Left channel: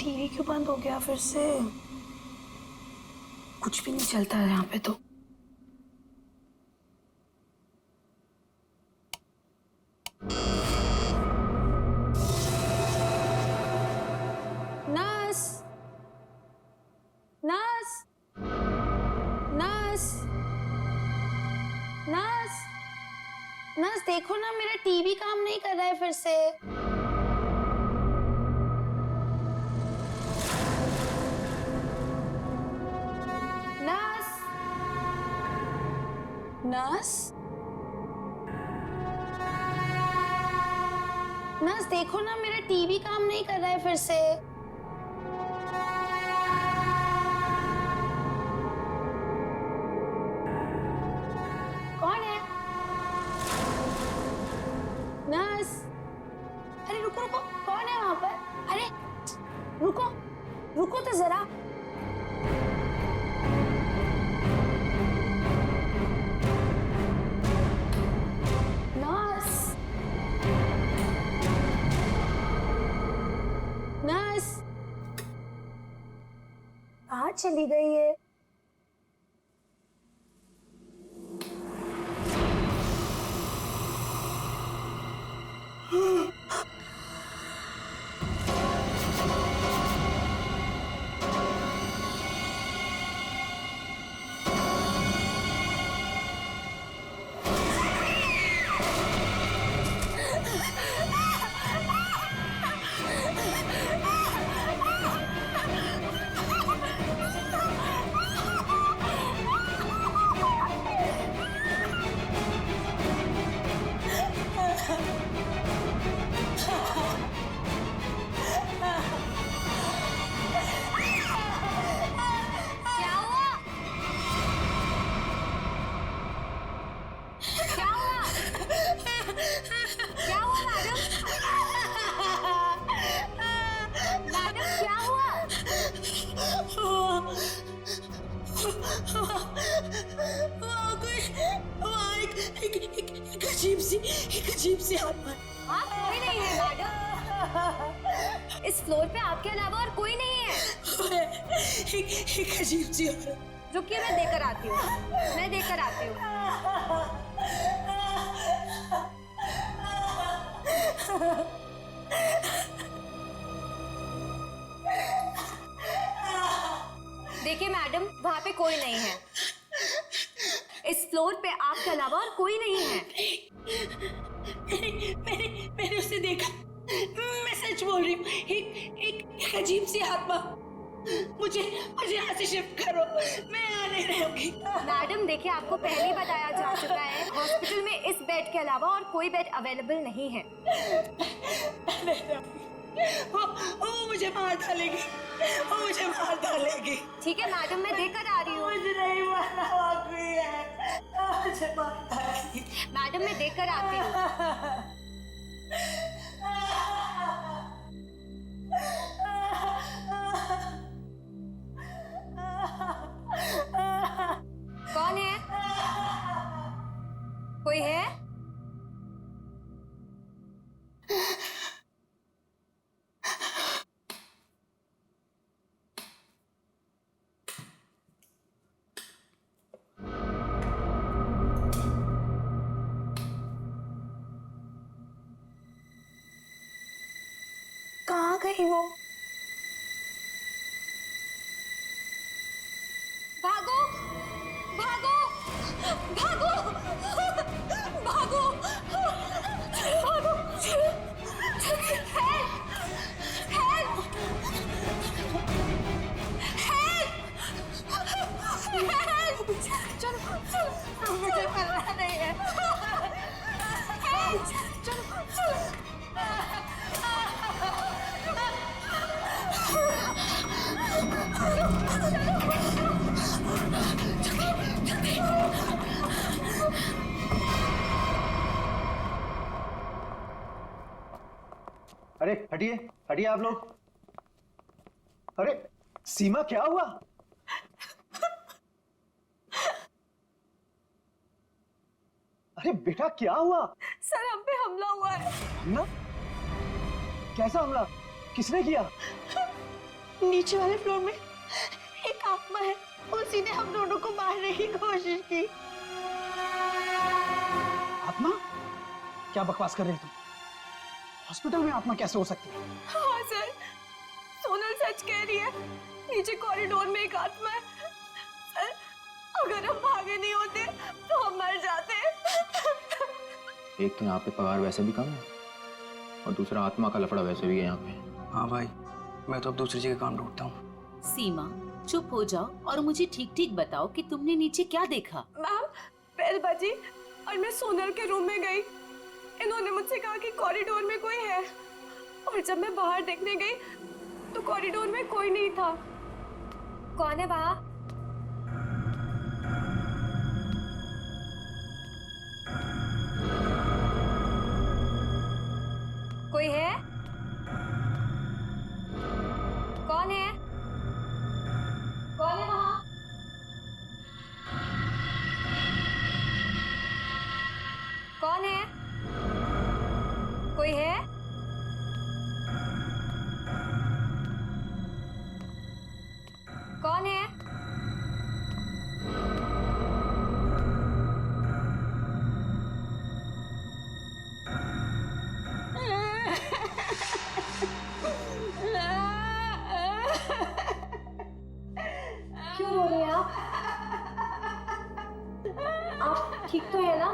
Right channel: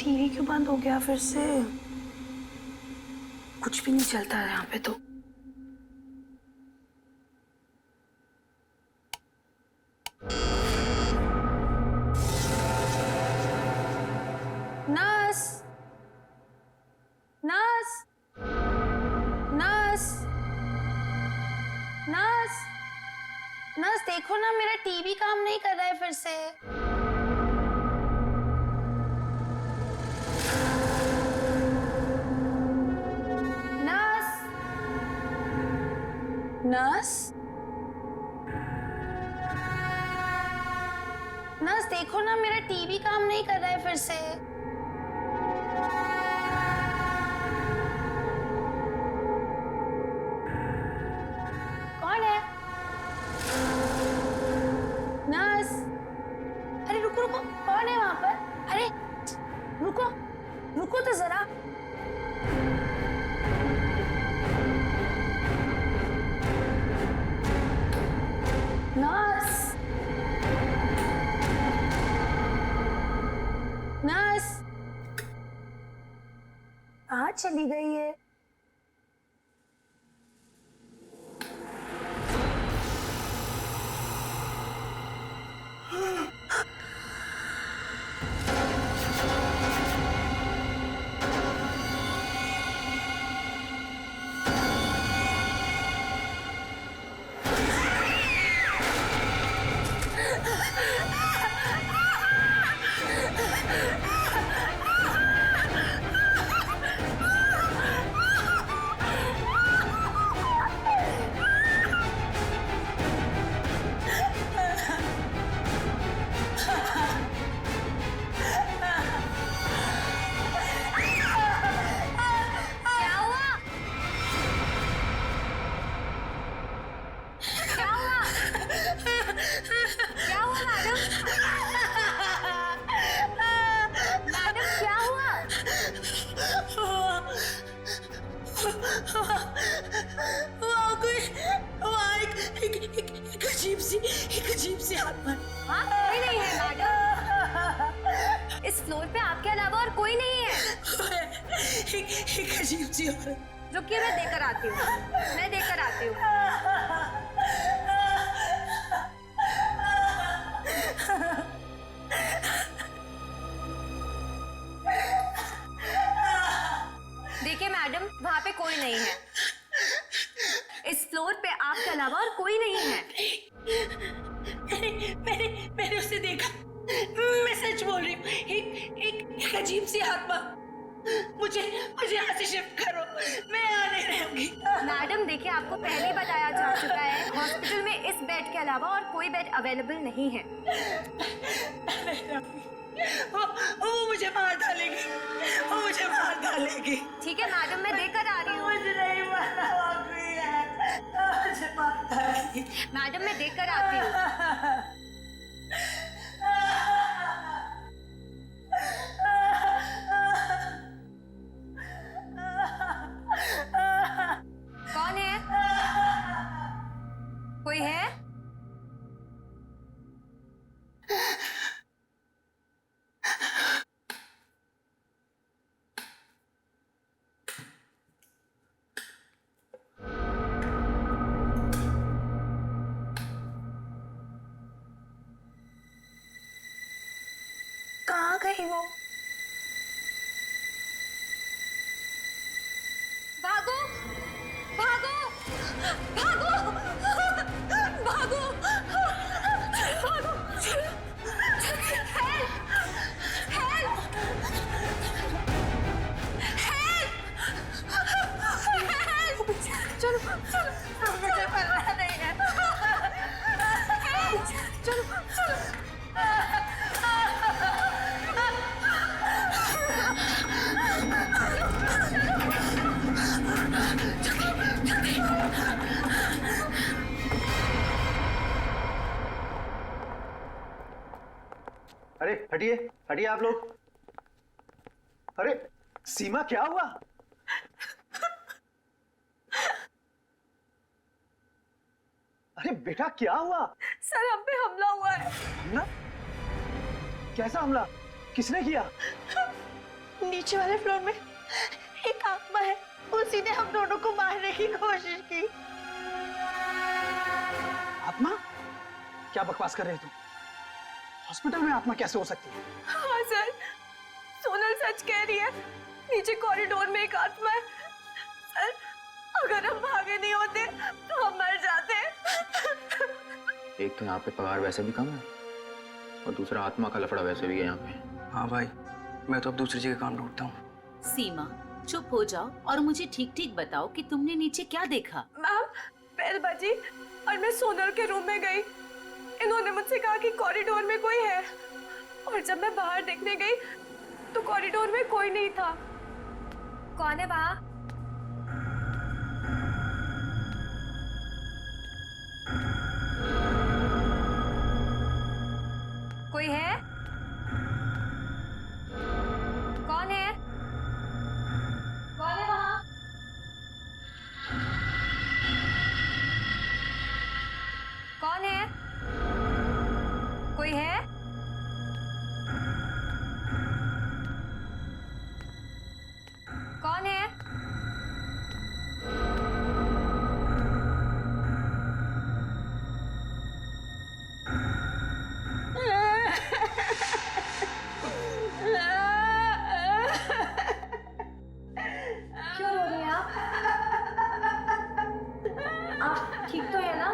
TV क्यों बंद हो गया फिर से? कुछ भी नहीं चलता है यहाँ पे तो। Nurse, nurse, nurse, nurse, nurse देखो ना, मेरा टीवी काम नहीं कर रहा है फिर से। नर्स, नर्स, नर्स देखो ना, मेरा टीवी काम नहीं कर रहा है फिर से। कौन है? नर्स, अरे रुको रुको, कौन है वहां पर? अरे रुको, रुको तो जरा। नर्स, नर्स कहाँ चली गई है? एक अजीब सी आत्मा। हाँ, कोई नहीं है मैडम। इस फ्लोर पे आपके अलावा और कोई नहीं है। एक अजीब सी औरत। रुकिए, मैं देकर आती हूँ, मैं देकर आती हूँ। देखिए मैडम, वहाँ पे कोई नहीं है। इस फ्लोर पे आपके अलावा और कोई नहीं है। मैंने उसे देखा। मैं सच बोल रही हूँ। एक अजीब सी आत्मा। मुझे यहाँ से शिफ्ट करो, मैं यहाँ नहीं रहूंगी। मैडम देखिए, आपको पहले ही बताया जा चुका है, हॉस्पिटल में इस बेड के अलावा और कोई बेड अवेलेबल नहीं है। वो मुझे मार डालेगी, वो मुझे मार डालेगी। ठीक है मैडम, मैं देकर आ रही हूँ। मुझे नहीं मारना, मुझे मार डालेगी। मैडम मैं देकर आती हूँ। कौन है? कोई है? कहाँ गई वो? भागो, भागो, भागो, भागो, भागो, हेल्प, हेल्प, हेल्प, चलो, चलो, मुझे मरना नहीं है। चलो, चलो। अरे हटिए, हटिए आप लोग। अरे सीमा, क्या हुआ? अरे बेटा, क्या हुआ? सर, हम पे हमला हुआ है। हमला? कैसा हमला? किसने किया? नीचे वाले फ्लोर में एक आत्मा है, उसी ने हम दोनों को मारने की कोशिश की। आत्मा? क्या बकवास कर रहे हो तुम? हॉस्पिटल में आत्मा कैसे हो सकती है? हाँ सर, सोनल सच कह रही है। नीचे कॉरिडोर में एक आत्मा है। सर, अगर हम भागे नहीं होते तो हम मर जाते। एक तो यहाँ पे पगार वैसे भी कम है और दूसरा आत्मा का लफड़ा वैसे भी है यहाँ पे। हाँ भाई, मैं तो अब दूसरी जगह काम ढूंढता हूँ। सीमा, चुप हो जाओ और मुझे ठीक ठीक बताओ कि तुमने नीचे क्या देखा। मैम, बेल बजी और मैं सोनल के रूम में गई। इन्होंने मुझसे कहा कि कॉरिडोर में कोई है, और जब मैं बाहर देखने गई तो कॉरिडोर में कोई नहीं था। कौन है वहाँ? कोई है? कौन है? कौन है वहाँ? कौन है? कोई है? कौन है? क्यों रो रही हैं आप? आप ठीक तो है ना?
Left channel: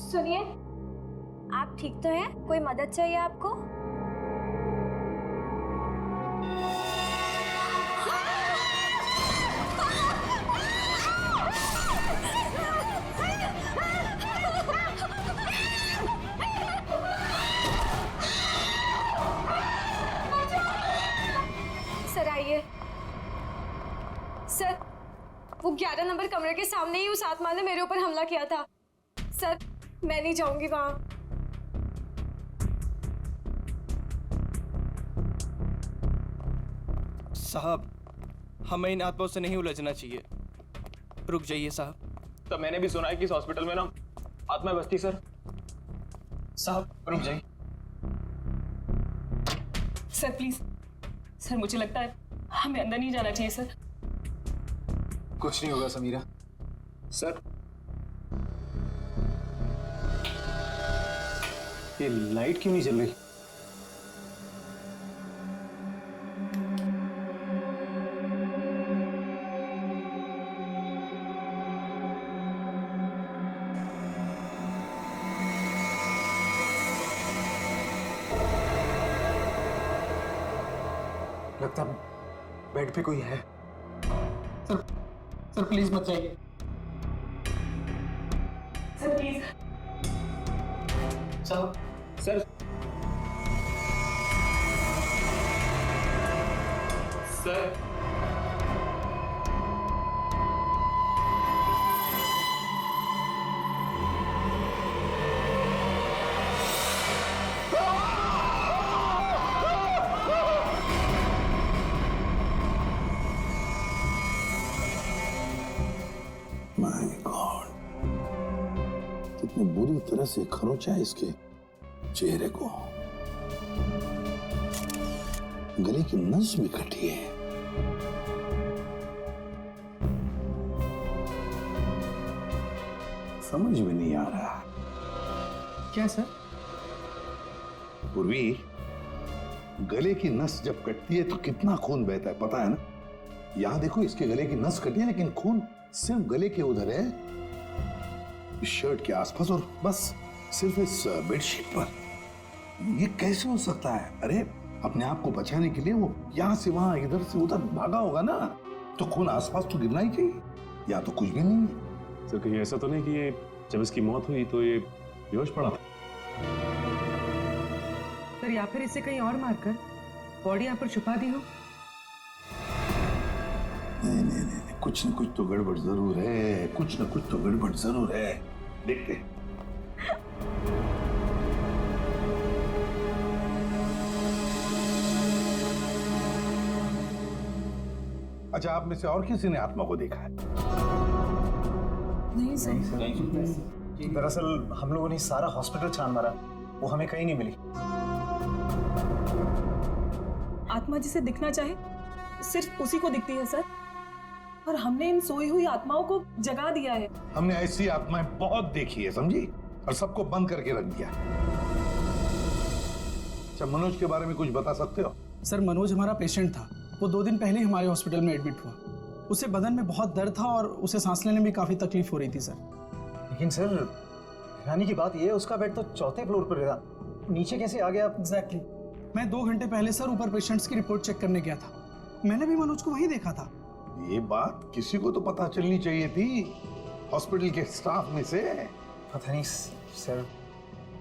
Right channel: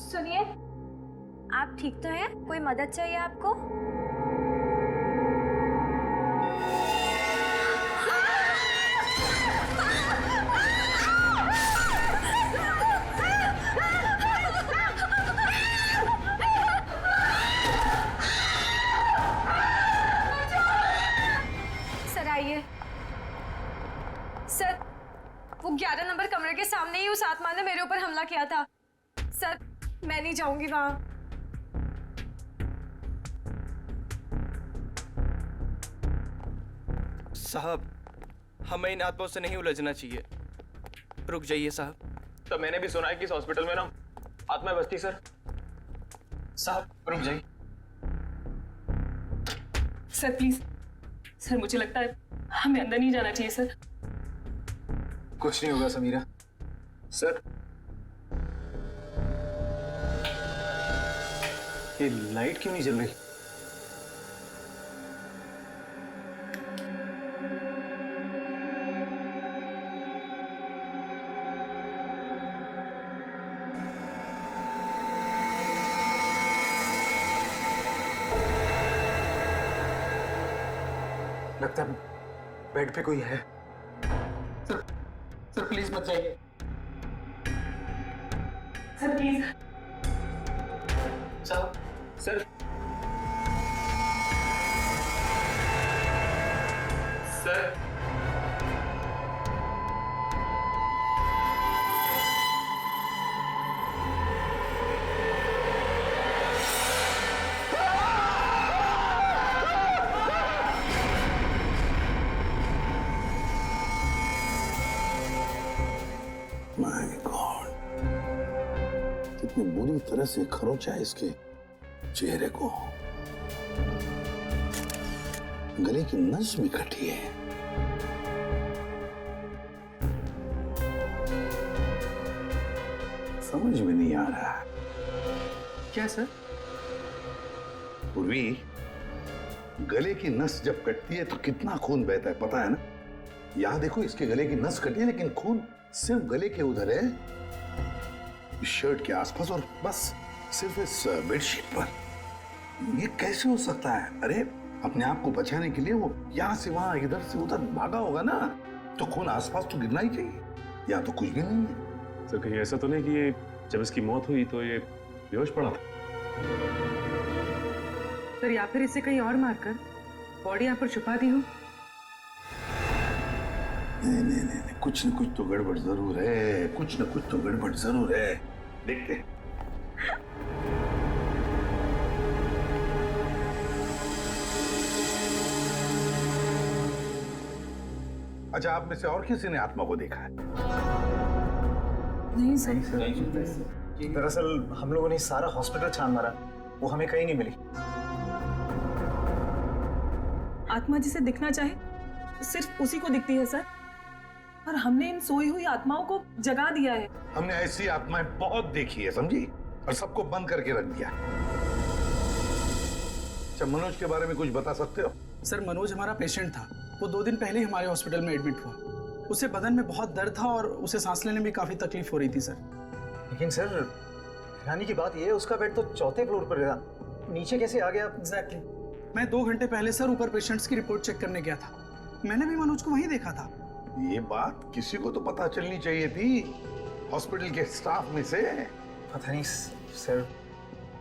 सुनिए, आप ठीक तो हैं? कोई मदद चाहिए आपको? सर आइए। सर, वो 11 नंबर कमरे के सामने ही उस आत्मा ने मेरे ऊपर हमला किया था। सर, मैं नहीं जाऊंगी वहां। साहब, हमें इन आत्माओं से नहीं उलझना चाहिए। रुक जाइए साहब। तो मैंने भी सुना है कि इस हॉस्पिटल में ना आत्मा बसती सर। साहब रुक जाइए। सर प्लीज, सर मुझे लगता है हमें अंदर नहीं जाना चाहिए सर। कुछ नहीं होगा समीरा। सर, ये लाइट क्यों नहीं जल रही? लगता है बेड पे कोई है। सर प्लीज मत जाइए। Sir please. साहब, सर, सर, माय गॉड, कितनी बुरी तरह से खरोंचा है इसके चेहरे को। गले की नस भी कटी है। समझ में नहीं आ रहा। क्या सर? पूर्वी, गले की नस जब कटती है तो कितना खून बहता है पता है ना? यहां देखो, इसके गले की नस कटी है लेकिन खून सिर्फ गले के उधर है, इस शर्ट के आसपास, और बस सिर्फ इस बेडशीट पर। ये कैसे हो सकता है? अरे अपने आप को बचाने के लिए वो यहां से वहां इधर से उधर भागा होगा ना, तो खून आसपास तो गिरना ही चाहिए। या तो कुछ भी नहीं है। सर कहीं ऐसा तो नहीं कि ये जब इसकी मौत हुई तो ये बेहोश पड़ा था? सर, या फिर इसे कहीं और मारकर बॉडी यहाँ पर छुपा दी हो? नहीं नहीं नहीं, कुछ न कुछ तो गड़बड़ जरूर है। कुछ न कुछ तो गड़बड़ जरूर है। देखते हैं। अच्छा, आप में से और किसी ने आत्मा को देखा है? नहीं सर। दरअसल हम लोगों ने सारा हॉस्पिटल छान मारा, वो हमें कहीं नहीं मिली। आत्मा जिसे दिखना चाहे सिर्फ उसी को दिखती है सर। और हमने इन सोई हुई आत्माओं को जगा दिया है। हमने ऐसी आत्माएं बहुत देखी है, समझी, और सबको बंद करके रख दिया। अच्छा, मनोज के बारे में कुछ बता सकते हो? सर मनोज हमारा पेशेंट था। वो 2 दिन पहले ही हमारे हॉस्पिटल में एडमिट हुआ। उसे बदन में बहुत दर्द था और उसे सांस लेने में काफी तकलीफ हो रही थी सर। लेकिन सर हैरानी की बात यह है, उसका बेड तो 4थे फ्लोर पर था, नीचे कैसे आ गया? एग्जैक्टली। मैं 2 घंटे पहले सर ऊपर पेशेंट्स की रिपोर्ट चेक करने गया था। मैंने भी मनोज को वहीं देखा था। ये बात किसी को तो पता चलनी चाहिए थी, हॉस्पिटल के स्टाफ में से। पता नहीं सर।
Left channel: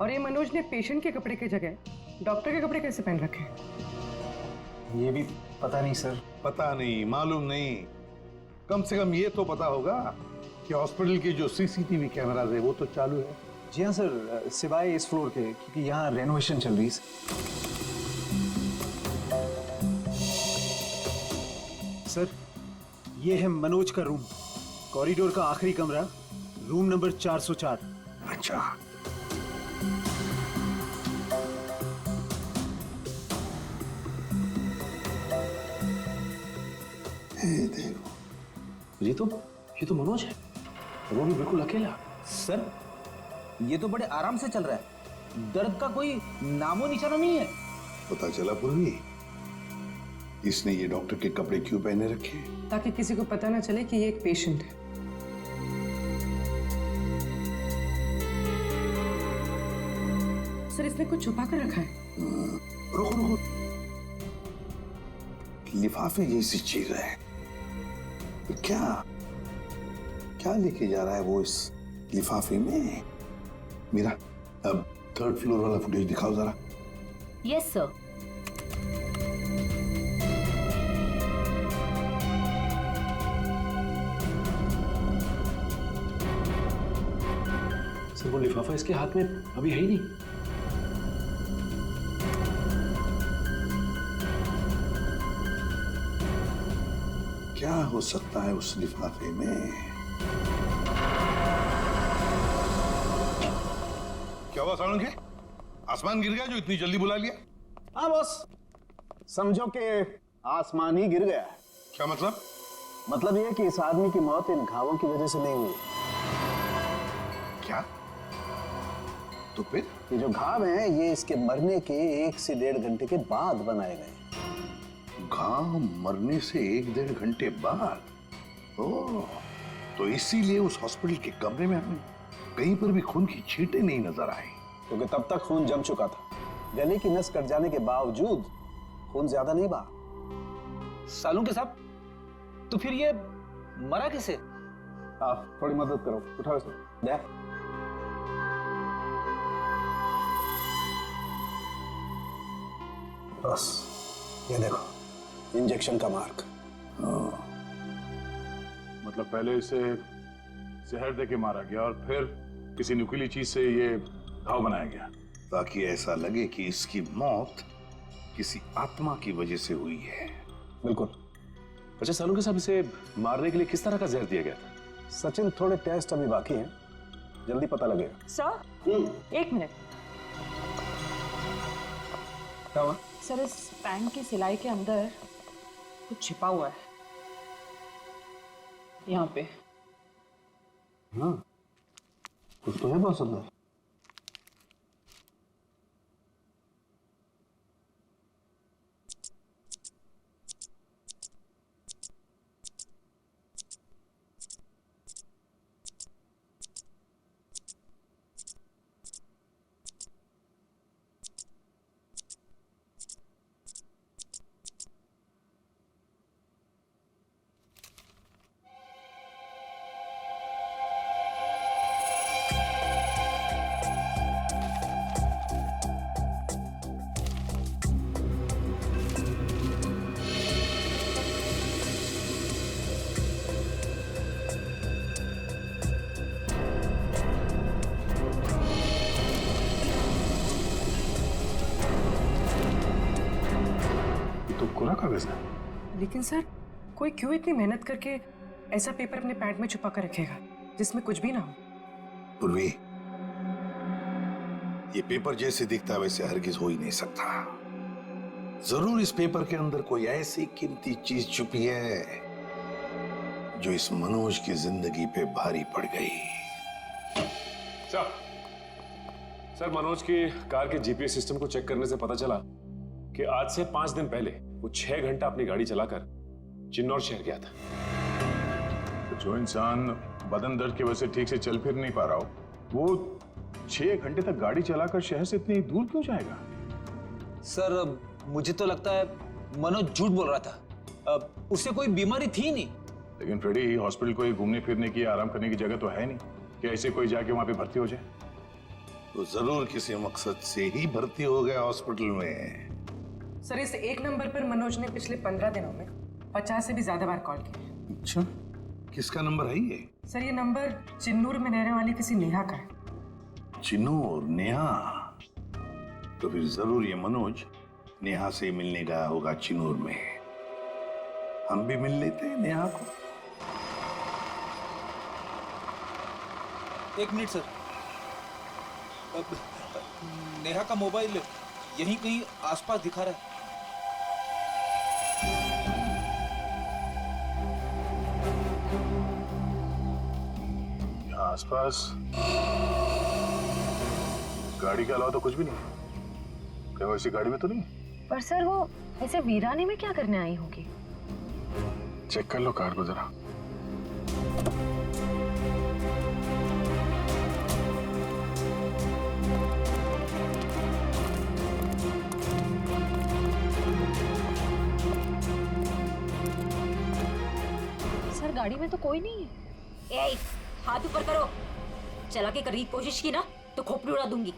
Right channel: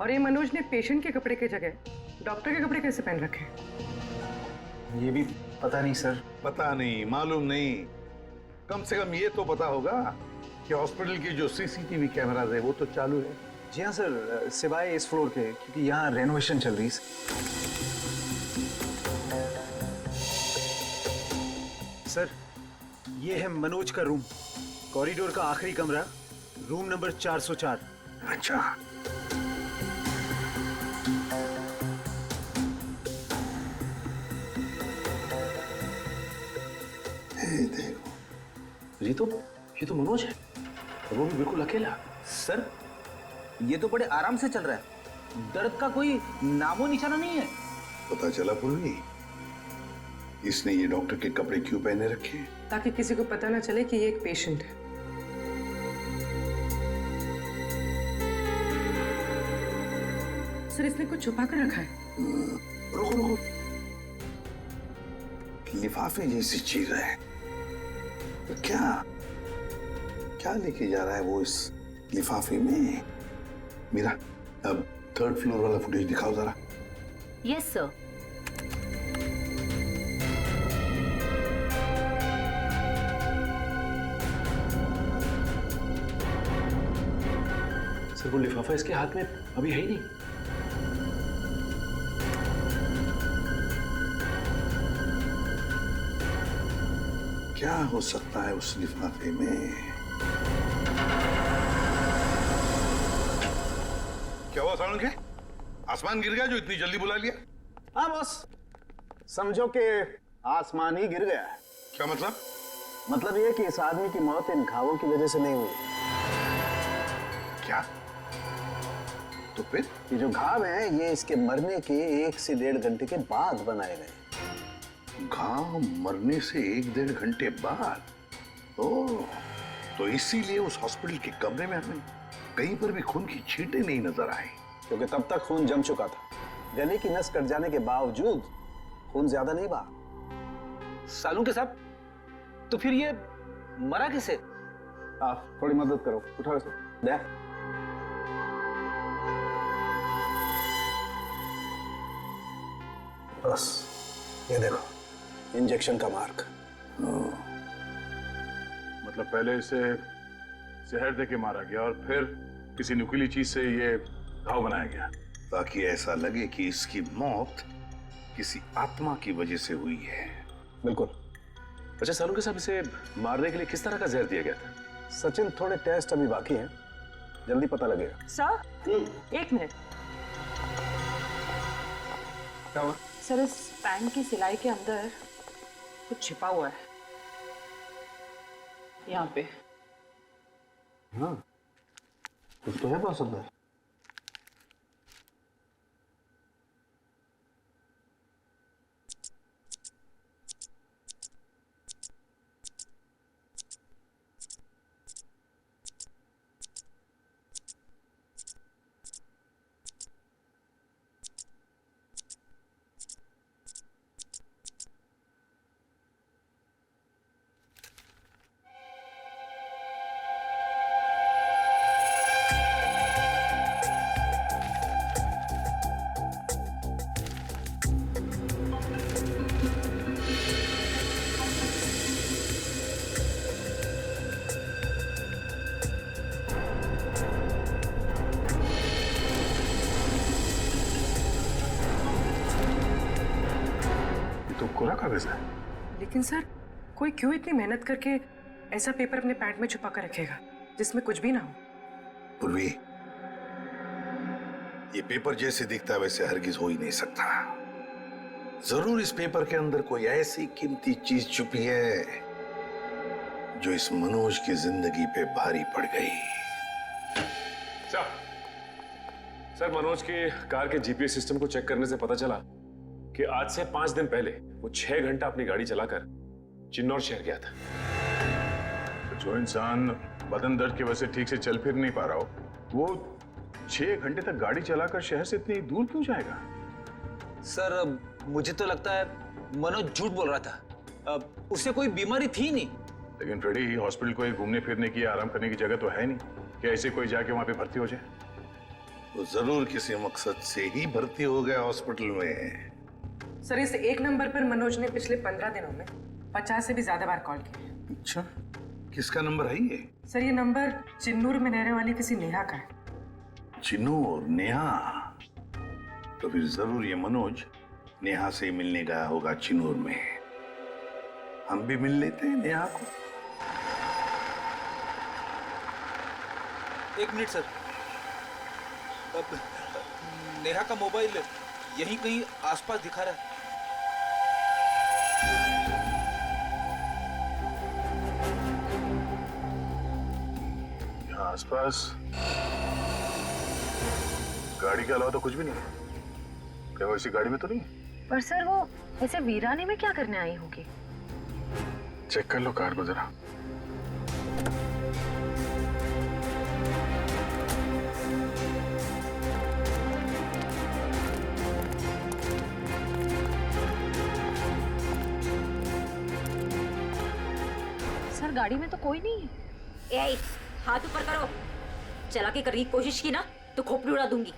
और ये मनोज ने पेशेंट के कपड़े की जगह डॉक्टर के कपड़े कैसे पहन रखे? ये भी पता नहीं सर। पता नहीं, मालूम नहीं, कम से कम ये तो पता होगा कि हॉस्पिटल के जो सीसीटीवी कैमरास है वो तो चालू है। जी हाँ सर, सिवाय इस फ्लोर के, क्योंकि यहाँ रेनोवेशन चल रही है। सर ये है मनोज का रूम, कॉरिडोर का आखिरी कमरा, रूम नंबर 404। अच्छा, देखो, ये तो मनोज है, और वो भी बिल्कुल अकेला। सर ये तो बड़े आराम से चल रहा है, दर्द का कोई नामो निशाना नहीं है। पता चला पूर्वी, इसने ये डॉक्टर के कपड़े क्यों पहने रखे? ताकि किसी को पता ना चले कि ये एक पेशेंट है। सर इसने कुछ छुपा कर रखा है। रुको, लिफाफे जैसी चीज है, तो क्या लेके जा रहा है वो इस लिफाफे में? मीरा, अब 3rd फ्लोर वाला फुटेज दिखाओ जरा। Yes sir. सर वो लिफाफा इसके हाथ में अभी है ही नहीं। क्या हो सकता है उस लिफाफे में? क्या हुआ सालुंखे? आसमान गिर गया जो इतनी जल्दी बुला लिया? हाँ बॉस, समझो कि आसमान ही गिर गया है। क्या मतलब? मतलब ये कि इस आदमी की मौत इन घावों की वजह से नहीं हुई। क्या? तो फिर? ये जो घाव हैं ये इसके मरने के 1 से 1.5 घंटे के बाद बनाए गए। घाव मरने से 1-1.5 घंटे बाद? ओह, तो इसीलिए उस हॉस्पिटल के कमरे में हमें कहीं पर भी खून की छींटें नहीं नजर आई। क्योंकि तब तक खून जम चुका था। गले की नस कट जाने के बावजूद खून ज्यादा नहीं बहा। सालुंखे साहब, तो फिर ये मरा किसे? आप थोड़ी मदद करो, उठाओ इसे। दे। बस ये देखो, इंजेक्शन का मार्क। मतलब पहले इसे जहर देके मारा गया और फिर किसी नुकीली चीज से ये घाव बनाया गया, ताकि ऐसा लगे कि इसकी मौत किसी आत्मा की वजह से हुई है। बिल्कुल। अच्छा सालुंखे साहब, इसे मारने के लिए किस तरह का जहर दिया गया था? सचिन, थोड़े टेस्ट अभी बाकी हैं, जल्दी पता लगेगा। Sir 1 minute. क्या हुआ? सर इस पैंट की सिलाई के अंदर कुछ छिपा हुआ है, यहाँ पे। हाँ, कुछ तो है बॉस अंदर। तो कोरा कागज है। लेकिन सर कोई क्यों इतनी मेहनत करके ऐसा पेपर अपने पैंट में छुपा कर रखेगा जिसमें कुछ भी ना हो? पूर्वी, ये पेपर जैसे दिखता है वैसे हरगिज हो ही नहीं सकता। जरूर इस पेपर के अंदर कोई ऐसी कीमती चीज छुपी है जो इस मनोज की जिंदगी पे भारी पड़ गई। सर, मनोज की कार के जीपीएस सिस्टम को चेक करने से पता चला कि आज से 5 दिन पहले वो 6 घंटा अपनी गाड़ी चलाकर चिन्नौर शहर गया था। तो जो इंसान बदन दर्द की वजह से ठीक से चल फिर नहीं पा रहा हो, वो 6 घंटे तक गाड़ी चलाकर शहर से इतनी दूर क्यों जाएगा? सर, मुझे तो लगता है मनोज झूठ बोल रहा था। उसे कोई बीमारी थी नहीं। लेकिन फ्रेडी, हॉस्पिटल कोई घूमने फिरने की, आराम करने की जगह तो है नहीं कि ऐसे कोई जाके वहां पे भर्ती हो जाए। वो जरूर किसी मकसद से ही भर्ती हो गया हॉस्पिटल में। सर, इस एक नंबर पर मनोज ने पिछले 15 दिनों में 50 से भी ज्यादा बार कॉल किया। अच्छा, किसका नंबर है ये? सर, ये नंबर चिन्नूर में रहने वाली किसी नेहा का है। चिन्नूर? नेहा? तो फिर जरूर ये मनोज नेहा से मिलने गया होगा चिन्नूर में। हम भी मिल लेते हैं नेहा को। 1 मिनट सर। नेहा का मोबाइल यहीं कहीं आसपास दिखा रहा है। यहाँ आसपास गाड़ी के अलावा तो कुछ भी नहीं है। क्या वो इसी गाड़ी में तो नहीं है? पर सर, वो ऐसे वीराने में क्या करने आई होगी? चेक कर लो कार को जरा। सर, गाड़ी में तो कोई नहीं है। ए, हाथ ऊपर करो। चला के करने की कोशिश की ना तो खोपड़ी उड़ा दूंगी।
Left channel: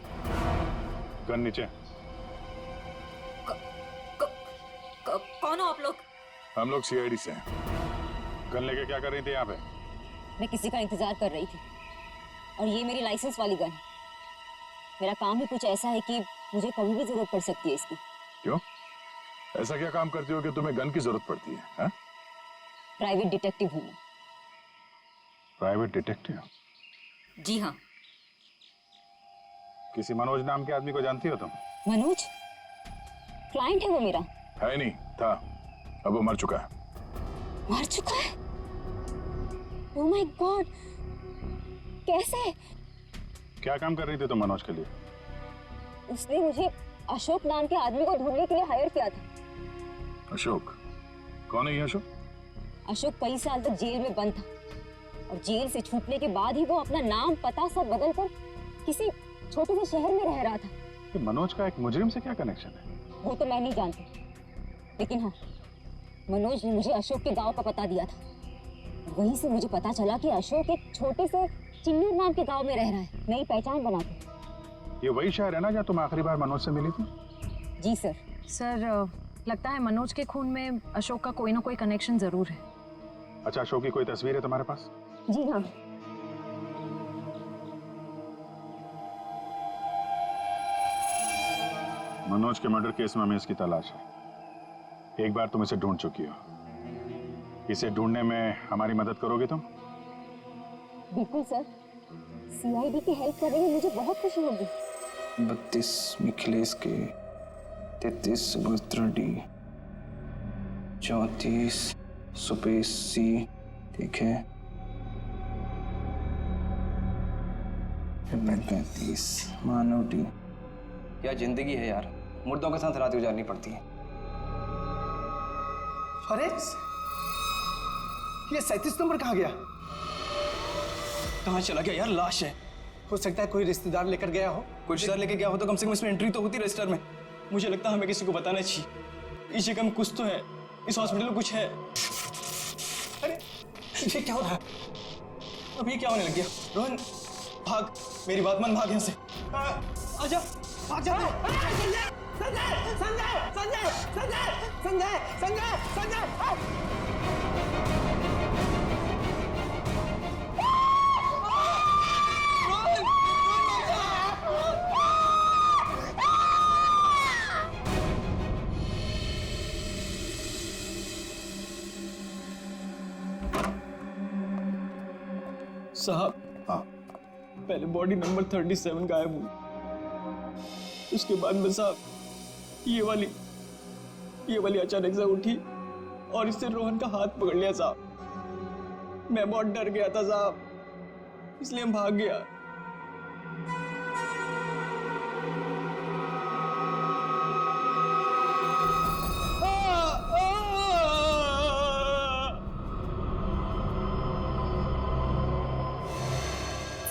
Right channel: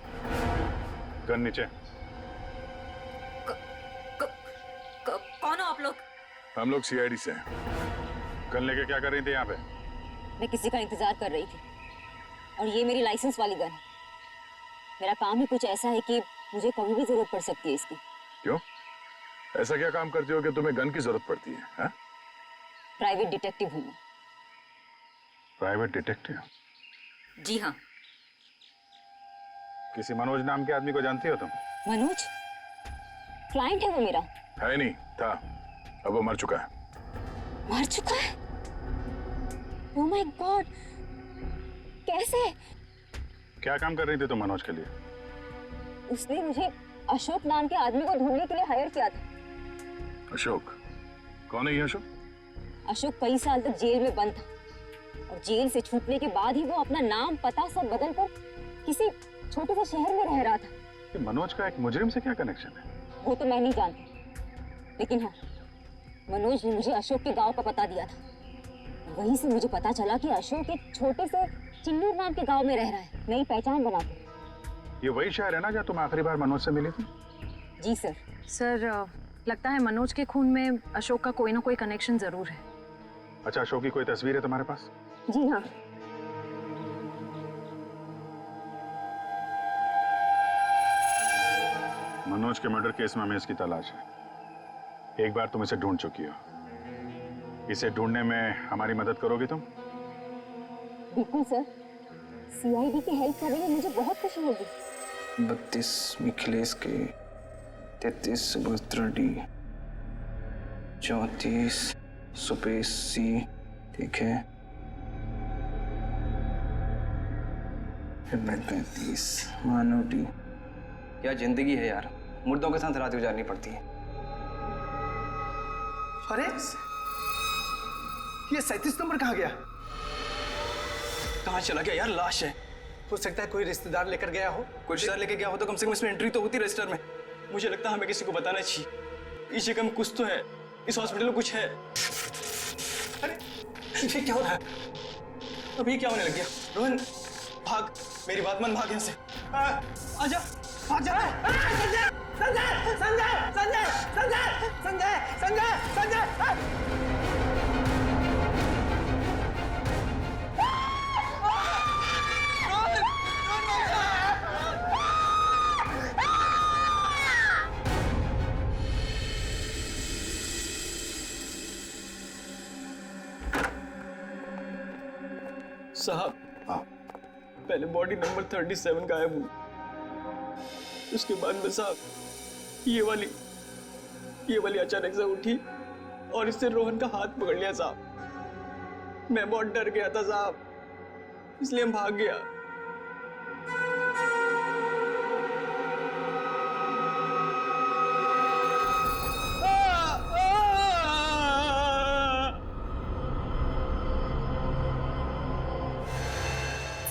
गन नीचे। कौन हो आप लोग? हम लोग सीआईडी से हैं। गन लेके क्या कर रही थी यहाँ पे? मैं किसी का इंतजार कर रही थी और ये मेरी लाइसेंस वाली गन है। मेरा काम ही कुछ ऐसा है कि मुझे कभी भी जरूरत पड़ सकती है इसकी। क्यों? ऐसा क्या काम करती हो कि तुम्हें गन की जरूरत पड़ती है? हा? प्राइवेट डिटेक्टिव हूँ मैं। Private detective? जी हाँ। किसी मनोज नाम के आदमी को जानती हो तुम? मनोज? क्लाइंट है वो मेरा। है नहीं, था। अब वो मर चुका है। मर चुका है? ओह माय गॉड, कैसे? क्या काम कर रही थी तुम मनोज के लिए? उसने मुझे अशोक नाम के आदमी को ढूंढने के लिए हायर किया था। अशोक? कौन है ये अशोक? अशोक कई साल तक जेल में बंद था और जेल से छूटने के बाद ही वो अपना नाम पता सब बदल कर किसी छोटे से शहर में रह रहा था। ये मनोज का एक मुजरिम से क्या कनेक्शन है? वो तो मैं नहीं जानती, लेकिन हाँ, मनोज ने मुझे अशोक के गांव का पता दिया था। वहीं से मुझे पता चला कि अशोक एक छोटे से चिन्नूर नाम के गांव में रह रहा है, नई पहचान बना के। ये वही शहर है ना जहाँ तुम आखिरी बार मनोज से मिली थी? जी सर। सर, लगता है मनोज के खून में अशोक का कोई ना कोई कनेक्शन जरूर है। अच्छा, अशोक की कोई तस्वीर है तुम्हारे पास? जी हाँ। मनोज के मर्डर केस में हमें इसकी तलाश है। एक बार तुम इसे ढूंढ चुकी हो। इसे ढूंढने में हमारी मदद करोगे तुम? बिल्कुल सर, सीआईडी की हेल्प करने में मुझे बहुत खुशी होगी। 32 मिखिलेश के, 33 सुभद्रा डी, 34 सुपेश सी, ठीक है, 35 मानव डी। क्या जिंदगी है यार, मुर्दों के साथ रात गुजारनी पड़ती है। अरे ये 37 नंबर कहाँ गया? कहाँ चला गया यार? लाश है। हो सकता है कोई रिश्तेदार लेकर गया हो। कोई रिश्तेदार लेके गया हो तो कम से कम इसमें एंट्री तो होती रजिस्टर में। मुझे लगता है हमें किसी को बताना चाहिए। इस जगह में कुछ तो है, इस हॉस्पिटल में कुछ है। अरे ये क्या हो रहा है? अब ये क्या होने लग गया? रोहन भाग, मेरी बात मान, भाग यहाँ से। आजा, भाग जा। संजय! संजय! संजय! संजय! संजय! संजय! संजय! संजय! साहब, पहले बॉडी नंबर 37 गायब हुई, उसके बाद में साहब ये वाली ये वाली अचानक से उठी और इससे रोहन का हाथ पकड़ लिया साहब। मैं बहुत डर गया था साहब, इसलिए हम भाग गया।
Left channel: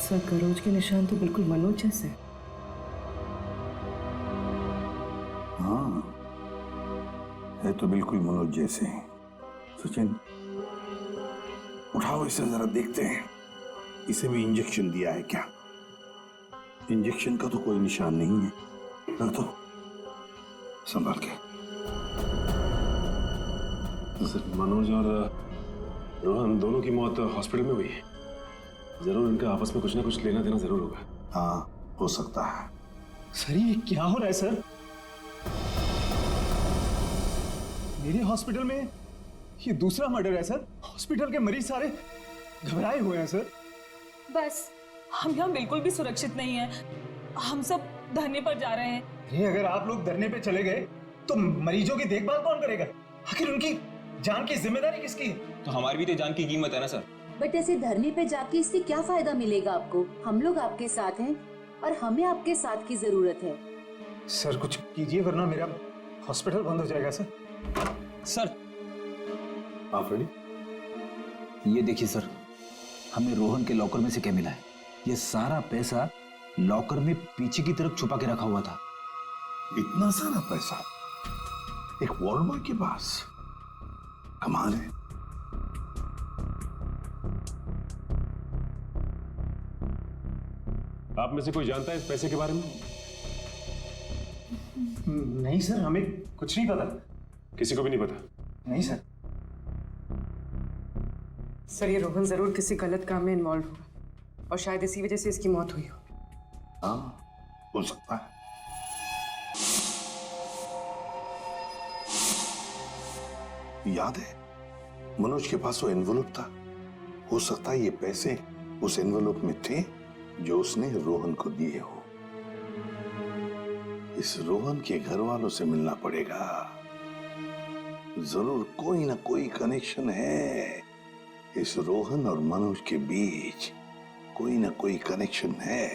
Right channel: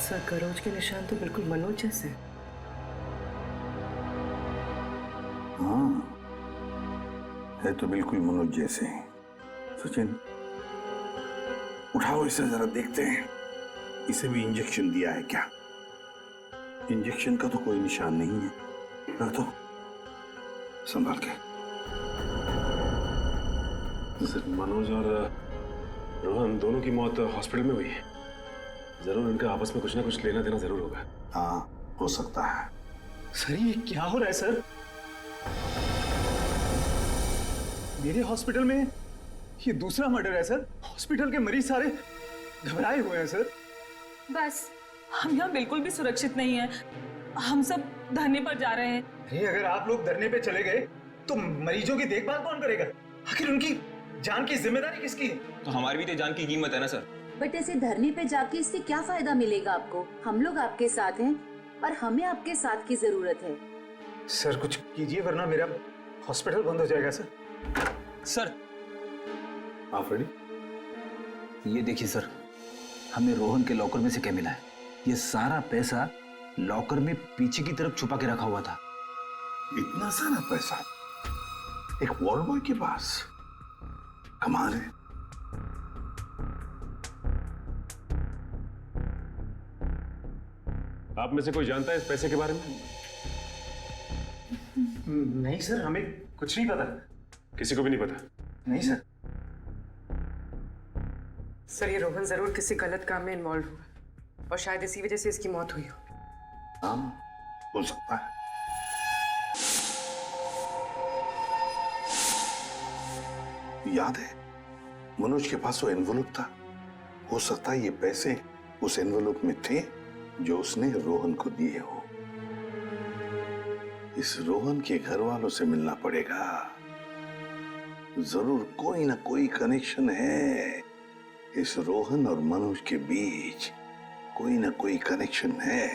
सर गरोज के निशान तो बिल्कुल मनोज जैसे हैं। हाँ, है तो बिल्कुल मनोज जैसे हैं। सचिन, उठाओ इसे जरा देखते हैं, इसे भी इंजेक्शन दिया है क्या? इंजेक्शन का तो कोई निशान नहीं है। रख दो, संभाल के। सर, मनोज और रोहन दोनों की मौत हॉस्पिटल में हुई है। जरूर इनका आपस में कुछ ना कुछ लेना देना जरूर होगा। हाँ, हो सकता है। सर ये क्या हो रहा है सर? मेरे हॉस्पिटल में ये दूसरा मर्डर है सर। हॉस्पिटल के मरीज सारे घबराए हुए हैं सर। बस हम यहाँ बिल्कुल भी सुरक्षित नहीं है। हम सब धरने पर जा रहे हैं। अरे अगर आप लोग धरने पे चले गए तो मरीजों की देखभाल कौन करेगा? आखिर उनकी जान की जिम्मेदारी किसकी है? तो हमारी भी तो जान की कीमत है ना सर। बट ऐसे धरने पे जाके इससे क्या फायदा मिलेगा आपको? हम लोग आपके साथ हैं और हमें आपके साथ की जरूरत है। सर कुछ कीजिए वरना मेरा हॉस्पिटल बंद हो जाएगा सर। सर आप रेडी? ये देखिए सर, हमें रोहन के लॉकर में से क्या मिला है। ये सारा पैसा लॉकर में पीछे की तरफ छुपा के रखा हुआ था। इतना सारा पैसा एक वॉर्ड बॉय के पास? कमाल है। आप में से कोई जानता है इस पैसे के बारे में? नहीं सर, हमें कुछ नहीं पता। किसी को भी नहीं पता? नहीं सर। सर ये रोहन जरूर किसी गलत काम में इन्वॉल्व हुआ और शायद इसी वजह से इसकी मौत हुई हो। हाँ, हो सकता है। याद है मनोज के पास वो एनवेलप था। हो सकता है ये पैसे उस एनवेलप में थे जो उसने रोहन को दिए हो। इस रोहन के घर वालों से मिलना पड़ेगा। जरूर कोई ना कोई कनेक्शन है इस रोहन और मनोज के बीच। कोई ना कोई कनेक्शन है।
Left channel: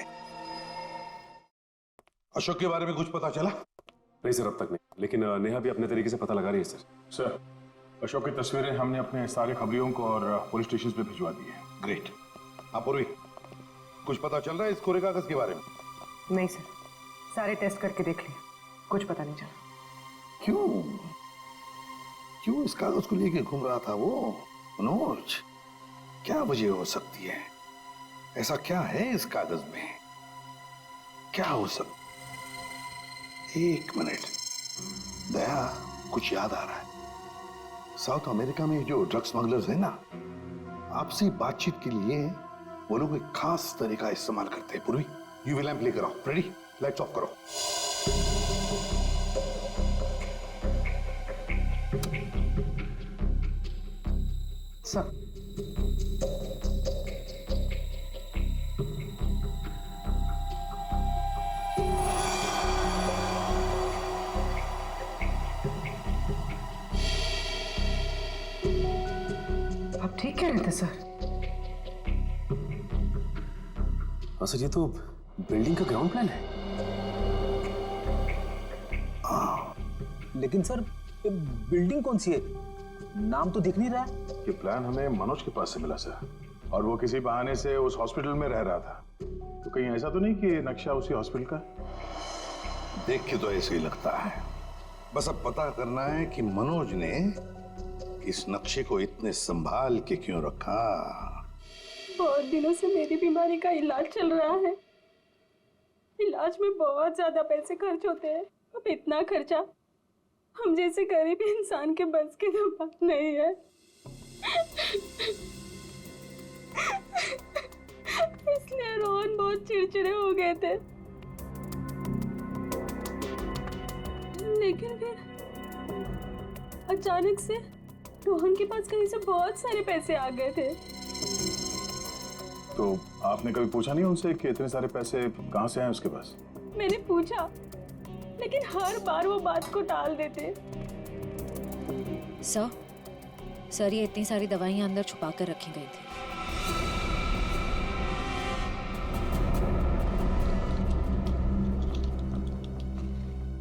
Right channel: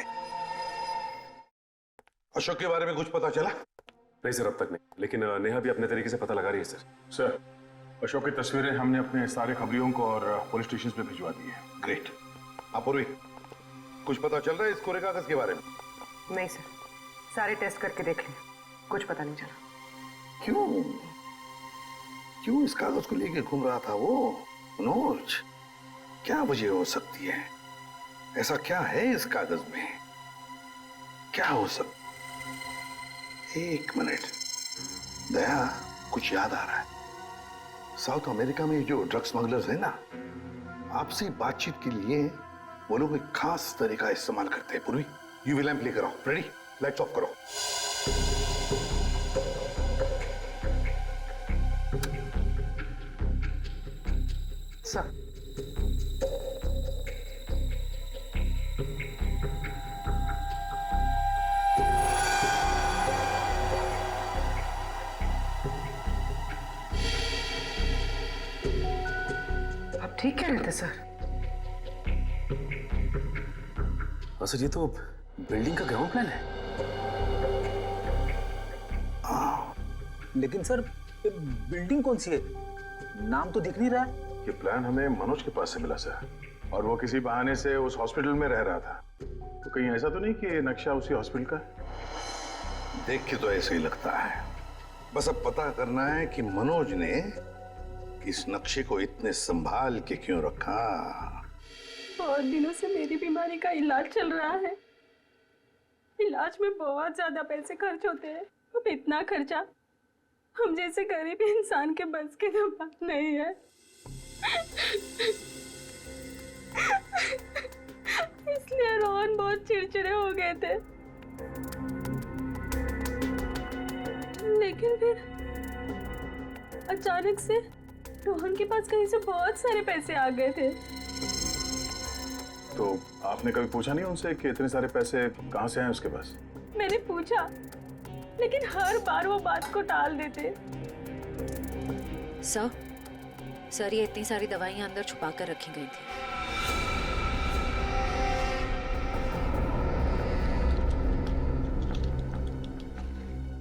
अशोक के बारे में कुछ पता चला? नहीं सर, अब तक नहीं, लेकिन नेहा भी अपने तरीके से पता लगा रही है सर। सर, अशोक की तस्वीरें हमने अपने सारे खबरियों को और पुलिस स्टेशन पे भिजवा दी है। ग्रेट। अपूर्वी, कुछ पता चल रहा है इस कोरे कागज के बारे में? नहीं सर, सारे टेस्ट करके देख लिए, कुछ पता नहीं चला। क्यों क्यों इस कागज को लेके घूम रहा था वो मनोज? क्या वजह हो सकती है? ऐसा क्या है इस कागज में? क्या हो सकता? एक मिनट दया, कुछ याद आ रहा है। साउथ अमेरिका में जो ड्रग स्मगलर्स है ना, आपसी बातचीत के लिए वो लोग एक खास तरीका इस्तेमाल करते हैं। पूर्वी, यूवी लैंप लेकर आओ। रेडी? लाइट्स ऑफ करो। सर आप ठीक कह रहे थे सर। सर ये तो बिल्डिंग का ग्राउंड प्लान है। लेकिन सर बिल्डिंग कौन सी है? नाम तो दिख नहीं रहा है। ये प्लान हमें मनोज के पास से मिला सर, और वो किसी बहाने से उस हॉस्पिटल में रह रहा था। तो कहीं ऐसा तो नहीं कि ये नक्शा उसी हॉस्पिटल का है? देख के तो ऐसे ही लगता है। बस अब पता करना है कि मनोज ने इस नक्शे को इतने संभाल के क्यों रखा। बहुत दिनों से मेरी बीमारी का इलाज चल रहा है। इलाज में बहुत ज्यादा पैसे खर्च होते हैं। अब इतना खर्चा हम जैसे गरीब इंसान के बस की तो बात नहीं है। इसलिए रोहन बहुत चिड़चिड़े हो गए थे। लेकिन फिर अचानक से रोहन के पास कहीं से बहुत सारे पैसे आ गए थे। तो आपने कभी पूछा नहीं उनसे कि इतने सारे पैसे कहाँ से आए उसके पास? मैंने पूछा, लेकिन हर बार वो बात को टाल देते। सर ये इतनी सारी दवाइयां अंदर छुपा कर रखी गई थी।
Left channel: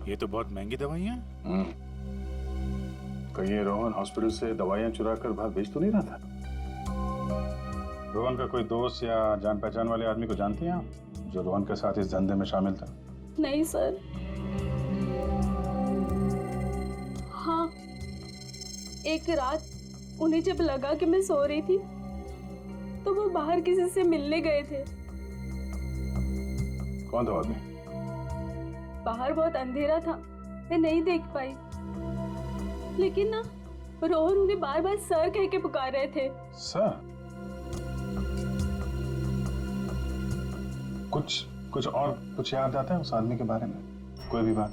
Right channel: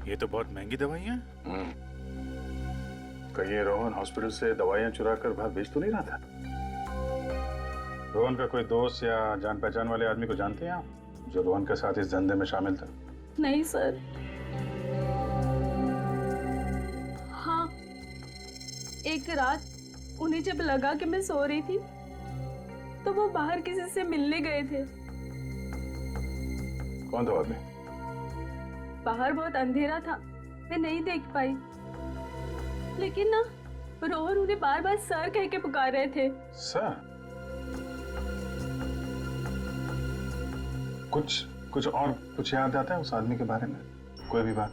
ये तो बहुत महंगी दवाइयां हैं। कहीं ये रोहन हॉस्पिटल से दवाइयां चुरा कर बाहर बेच तो नहीं रहा था? रोहन का कोई दोस्त या जान पहचान वाले आदमी को जानते हैं आप, जो रोहन के साथ इस धंधे में शामिल था? नहीं सर। हाँ, एक रात उन्हें जब लगा कि मैं सो रही थी तो वो बाहर किसी से मिलने गए थे। कौन था आदमी? बाहर बहुत अंधेरा था, मैं नहीं देख पाई, लेकिन ना रोहन उन्हें बार बार सर कह के पुकार रहे थे। सर? कुछ और कुछ याद आता है उस आदमी के बारे में? कोई भी बात?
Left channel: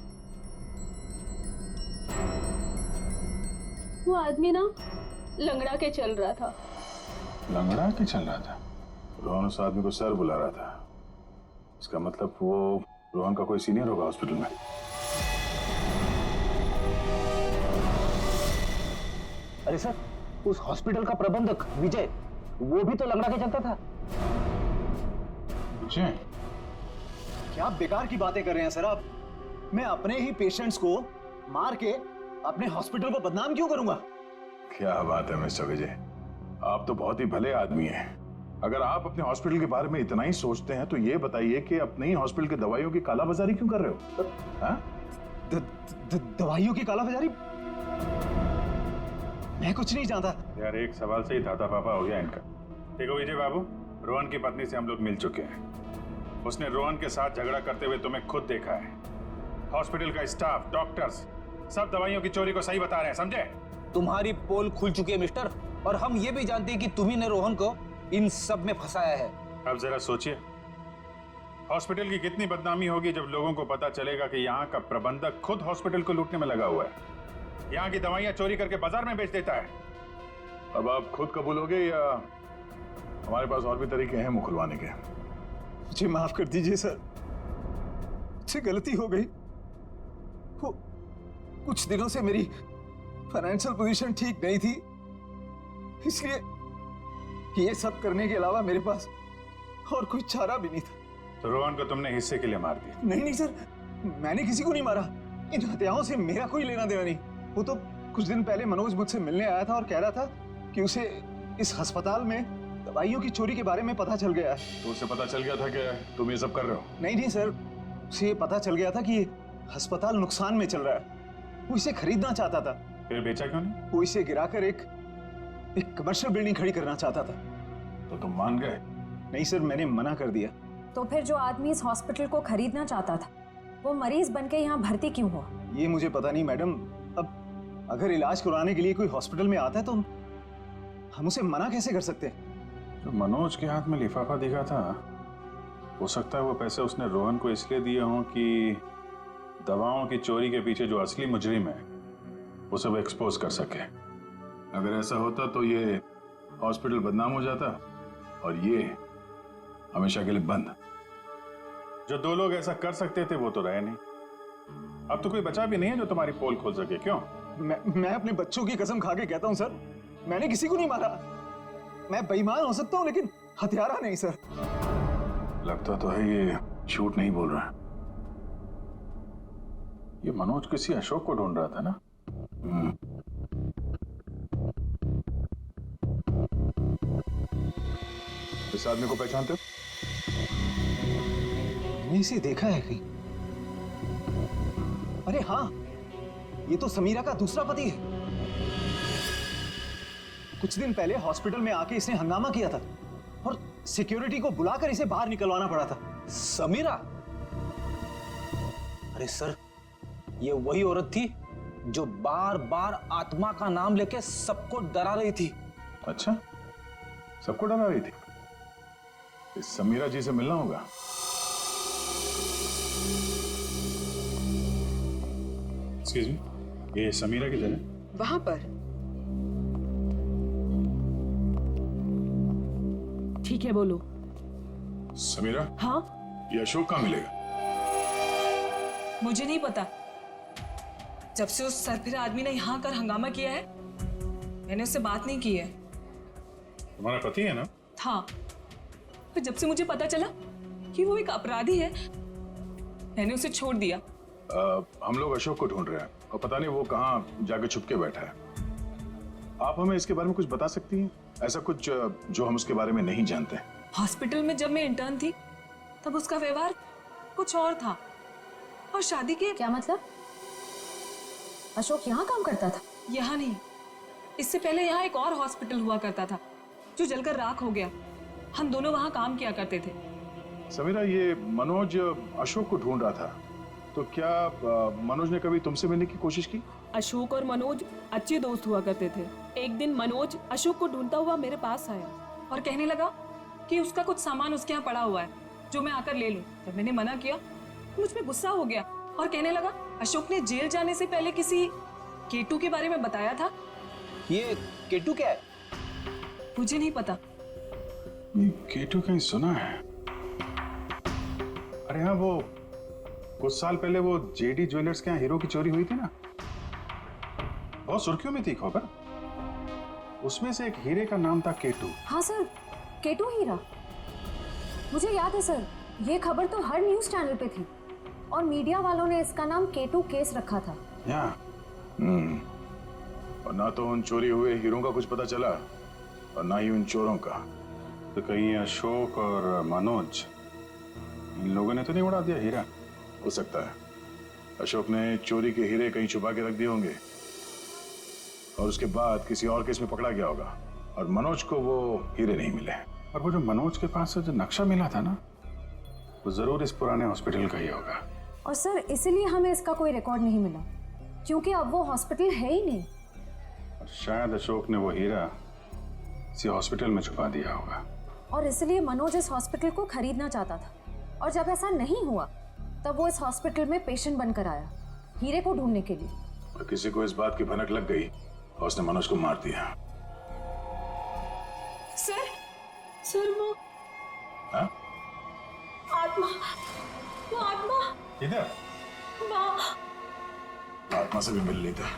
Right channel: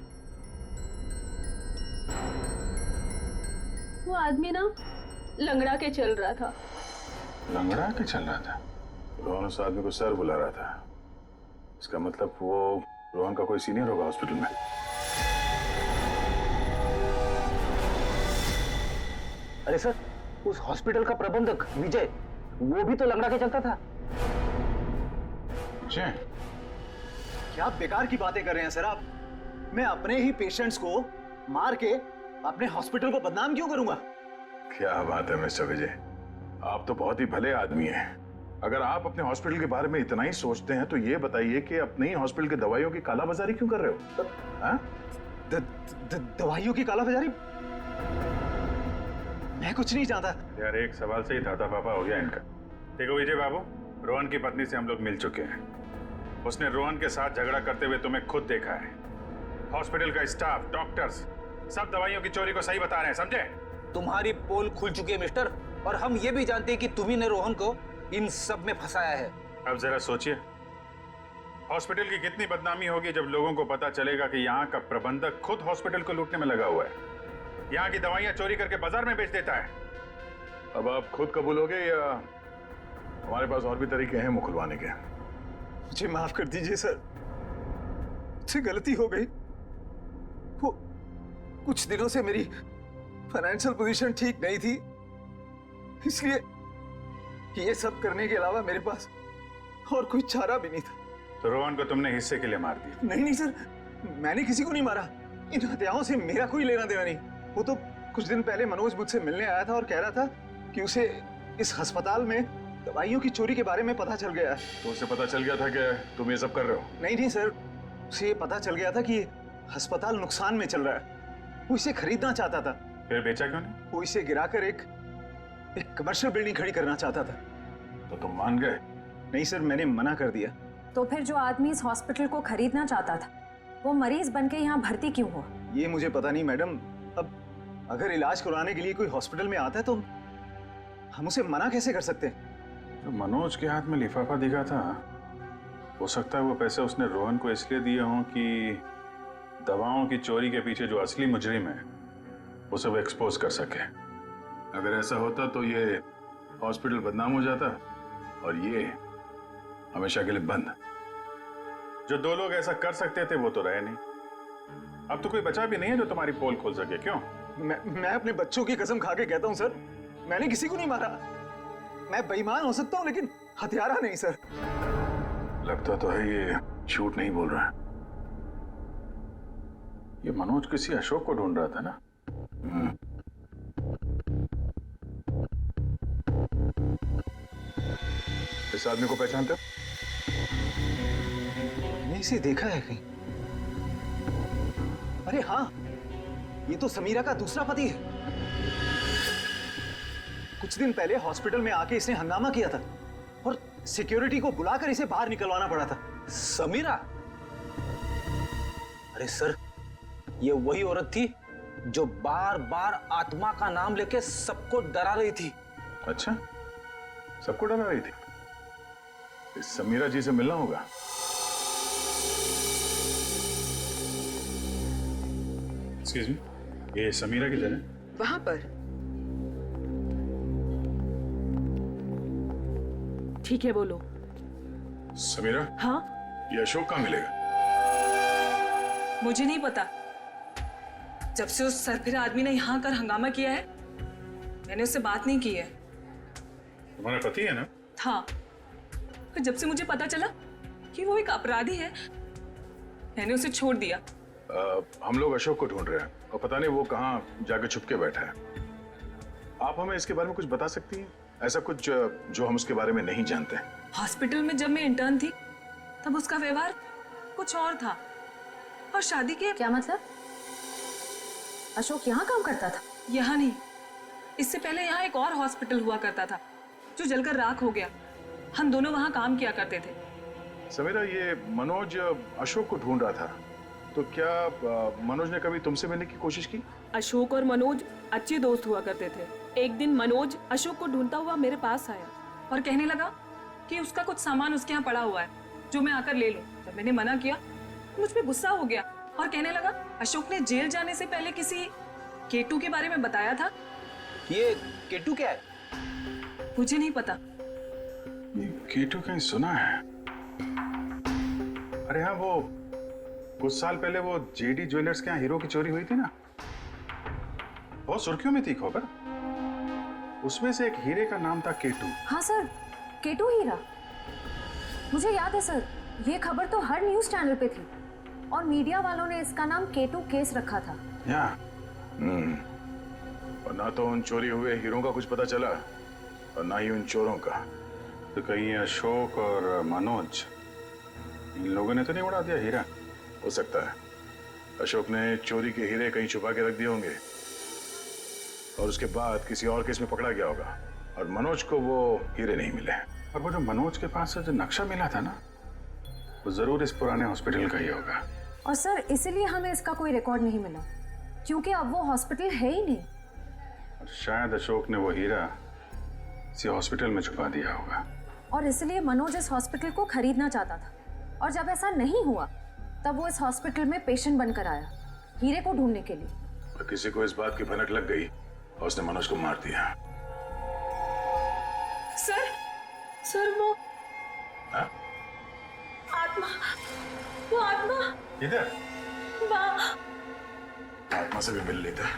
वो आदमी ना लंगड़ा के चल रहा था। लंगड़ा के चल रहा था? रोहन उस आदमी को सर बुला रहा था। इसका मतलब वो रोहन का कोई सीनियर होगा हॉस्पिटल में। अरे सर, उस हॉस्पिटल का प्रबंधक विजय, वो भी तो लंगड़ा के चलता था। विजय? क्या बेकार की बातें कर रहे हैं सर आप? मैं अपने ही पेशेंट्स को मार के अपने हॉस्पिटल को बदनाम क्यों करूंगा? क्या बात है मिस्टर विजय, आप तो बहुत ही भले आदमी हैं। अगर आप अपने हॉस्पिटल के बारे में इतना ही सोचते हैं तो ये बताइए कि अपने ही हॉस्पिटल के दवाइयों की कालाबाजारी क्यों कर रहे हो? दवाइयों की कालाबाजारी? मैं कुछ नहीं जानता। यार एक सवाल से ही धाता पापा हो गया इनका। देखो विजय बाबू, रोहन की पत्नी से हम लोग मिल चुके हैं। उसने रोहन के साथ झगड़ा करते हुए तुम्हें खुद देखा है। हॉस्पिटल का स्टाफ, डॉक्टर्स सब दवाइयों की चोरी को सही बता रहे हैं, समझे? तुम्हारी पोल खुल चुकी है मिस्टर, और हम ये भी जानते हैं कि तुम्ही ने रोहन को इन सब में फंसाया है। अब जरा सोचिए, हॉस्पिटल की कितनी बदनामी होगी जब लोगों को पता चलेगा कि यहाँ का प्रबंधक खुद हॉस्पिटल को लूटने में लगा हुआ है, यहाँ की दवाइयाँ चोरी करके बाजार में बेच देता है। अब आप खुद कबूलोगे या हमारे पास और भी तरीके हैं मुंह खुलवाने के? मुझे माफ कर दीजिए सर, मुझसे गलती हो गई। वो कुछ दिनों से मेरी फाइनेंशियल पोजीशन ठीक नहीं थी, इसलिए ये सब करने के अलावा मेरे पास और कोई चारा भी नहीं था। तो रोहन को तुमने हिस्से के लिए मार दिया? नहीं सर, मैंने किसी को नहीं मारा। इन हत्याओं से मेरा कोई लेना देना नहीं। वो तो कुछ दिन पहले मनोज मुझसे मिलने आया था और कह रहा था कि उसे इस अस्पताल में दवाइयों की चोरी के बारे में पता चल गया है। तो उसे पता चल गया था कि तुम ये सब कर रहे हो? नहीं सर, उसे ये पता चल गया था कि अस्पताल नुकसान में चल रहा है। वो इसे खरीदना चाहता था। फिर बेचा क्यों नहीं? वो इसे गिराकर एक कमर्शियल बिल्डिंग खड़ी करना चाहता था। तो तुम मान गए? नहीं सर, मैंने मना कर दिया। तो फिर जो आदमी इस हॉस्पिटल को खरीदना चाहता था वो मरीज बनके यहाँ भर्ती क्यों हुआ? ये मुझे पता नहीं मैडम। अब अगर इलाज करवाने के लिए कोई हॉस्पिटल में आता है तो हम उसे मना कैसे कर सकते हैं? जो मनोज के हाथ में लिफाफा दिखा था, हो सकता है वो पैसे उसने रोहन को इसलिए दिए हों कि दवाओं की चोरी के पीछे जो असली मुजरिम है उसे वो एक्सपोज कर सके। अगर ऐसा होता तो ये हॉस्पिटल बदनाम हो जाता और ये हमेशा के लिए बंद। जो दो लोग ऐसा कर सकते थे वो तो रहे नहीं। अब तो कोई बचा भी नहीं है जो तुम्हारी पोल खोल सके। क्यों? मैं अपने बच्चों की कसम खा के कहता हूं सर, मैंने किसी को नहीं मारा। मैं बेईमान हो सकता हूं लेकिन हत्यारा नहीं सर। लगता तो है ये झूठ नहीं बोल रहा है। ये मनोज किसी अशोक को ढूंढ रहा था ना? इस आदमी को पहचानते हो? मैंने इसे देखा है कहीं। अरे हाँ, ये तो समीरा का दूसरा पति है। कुछ दिन पहले हॉस्पिटल में आके इसने हंगामा किया था और सिक्योरिटी को बुलाकर इसे बाहर निकलवाना पड़ा था। समीरा? अरे सर, ये वही औरत थी जो बार बार आत्मा का नाम लेके सबको डरा रही थी। अच्छा, सबको डरा रही थी? इस समीरा जी से मिलना होगा। एक्सक्यूज मी, ये समीरा किधर है? वहां पर। ठीक है, बोलो। समीरा? हाँ? ये अशोक कहाँ मिलेगा? मुझे नहीं पता। जब से उस सरफिरा आदमी ने यहाँ आकर हंगामा किया है मैंने उससे बात नहीं की है। तुम्हारा पति है ना? था, पर जब से मुझे पता चला कि वो एक अपराधी है, मैंने उसे छोड़ दिया। हम लोग अशोक को ढूंढ रहे हैं और पता नहीं वो कहाँ जाके छुप के बैठा है। आप हमें इसके बारे में कुछ बता सकती हैं? ऐसा कुछ जो हम उसके बारे में नहीं जानते हैं। हॉस्पिटल में जब मैं इंटर्न थी तब उसका व्यवहार कुछ और था, और शादी के। क्या मतलब? अशोक यहाँ काम करता था? यहाँ नहीं, इससे पहले यहाँ एक और हॉस्पिटल हुआ करता था जो जलकर राख हो गया। हम दोनों वहाँ काम किया करते थे। समीरा, ये मनोज अशोक को ढूंढ रहा था, तो क्या मनोज ने कभी तुमसे मिलने की कोशिश की? अशोक और मनोज अच्छे दोस्त हुआ करते थे। एक दिन मनोज अशोक को ढूंढता हुआ मेरे पास आया और कहने लगा कि उसका कुछ सामान उसके यहाँ पड़ा हुआ है जो मैं आकर ले लूं। जब मैंने मना किया मुझ पे गुस्सा हो गया और कहने लगा अशोक ने जेल जाने से पहले किसी केटू के बारे में बताया था। ये केटू क्या है? मुझे नहीं पता। ये केटू कहीं सुना है। अरे हाँ, वो कुछ साल पहले वो जेडी ज्वेलर्स के यहाँ हीरो की चोरी हुई थी ना, बहुत सुर्खियों में थी खबर। उसमें से एक हीरे का नाम था केटू। हाँ सर, केटू हीरा। मुझे याद है सर, ये खबर तो हर न्यूज चैनल पे थी और मीडिया वालों ने इसका नाम केटू केस रखा था। या और ना तो उन चोरी हुए हीरों का कुछ पता चला और ना ही उन चोरों का। तो कहीं अशोक और मनोज, इन लोगों ने तो नहीं उड़ा दिया हीरा? हो सकता है अशोक ने चोरी के हीरे कहीं छुपा के रख दिए होंगे और उसके बाद किसी और केस में पकड़ा गया होगा और मनोज को वो हीरे नहीं मिले। और वो जो मनोज के पास से जो नक्शा मिला था ना, वो जरूर इस पुराने हॉस्पिटल का ही होगा। और सर इसीलिए हमें इसका कोई रिकॉर्ड नहीं मिला, क्योंकि अब वो हॉस्पिटल है ही नहीं। और शायद अशोक ने वो हीरा इसी हॉस्पिटल में छुपा दिया होगा। और इसलिए मनोज इस हॉस्पिटल को खरीदना चाहता था, और जब ऐसा नहीं हुआ तब वो इस हॉस्पिटल में पेशेंट बनकर आया हीरे को ढूंढने के लिए। और किसी को इस बात की भनक लग गई और उसने मनोज को मार दिया। सर वो हाँ? आत्मा, वो आत्मा इधर वहाँ। आत्मा से भी मिल लेता।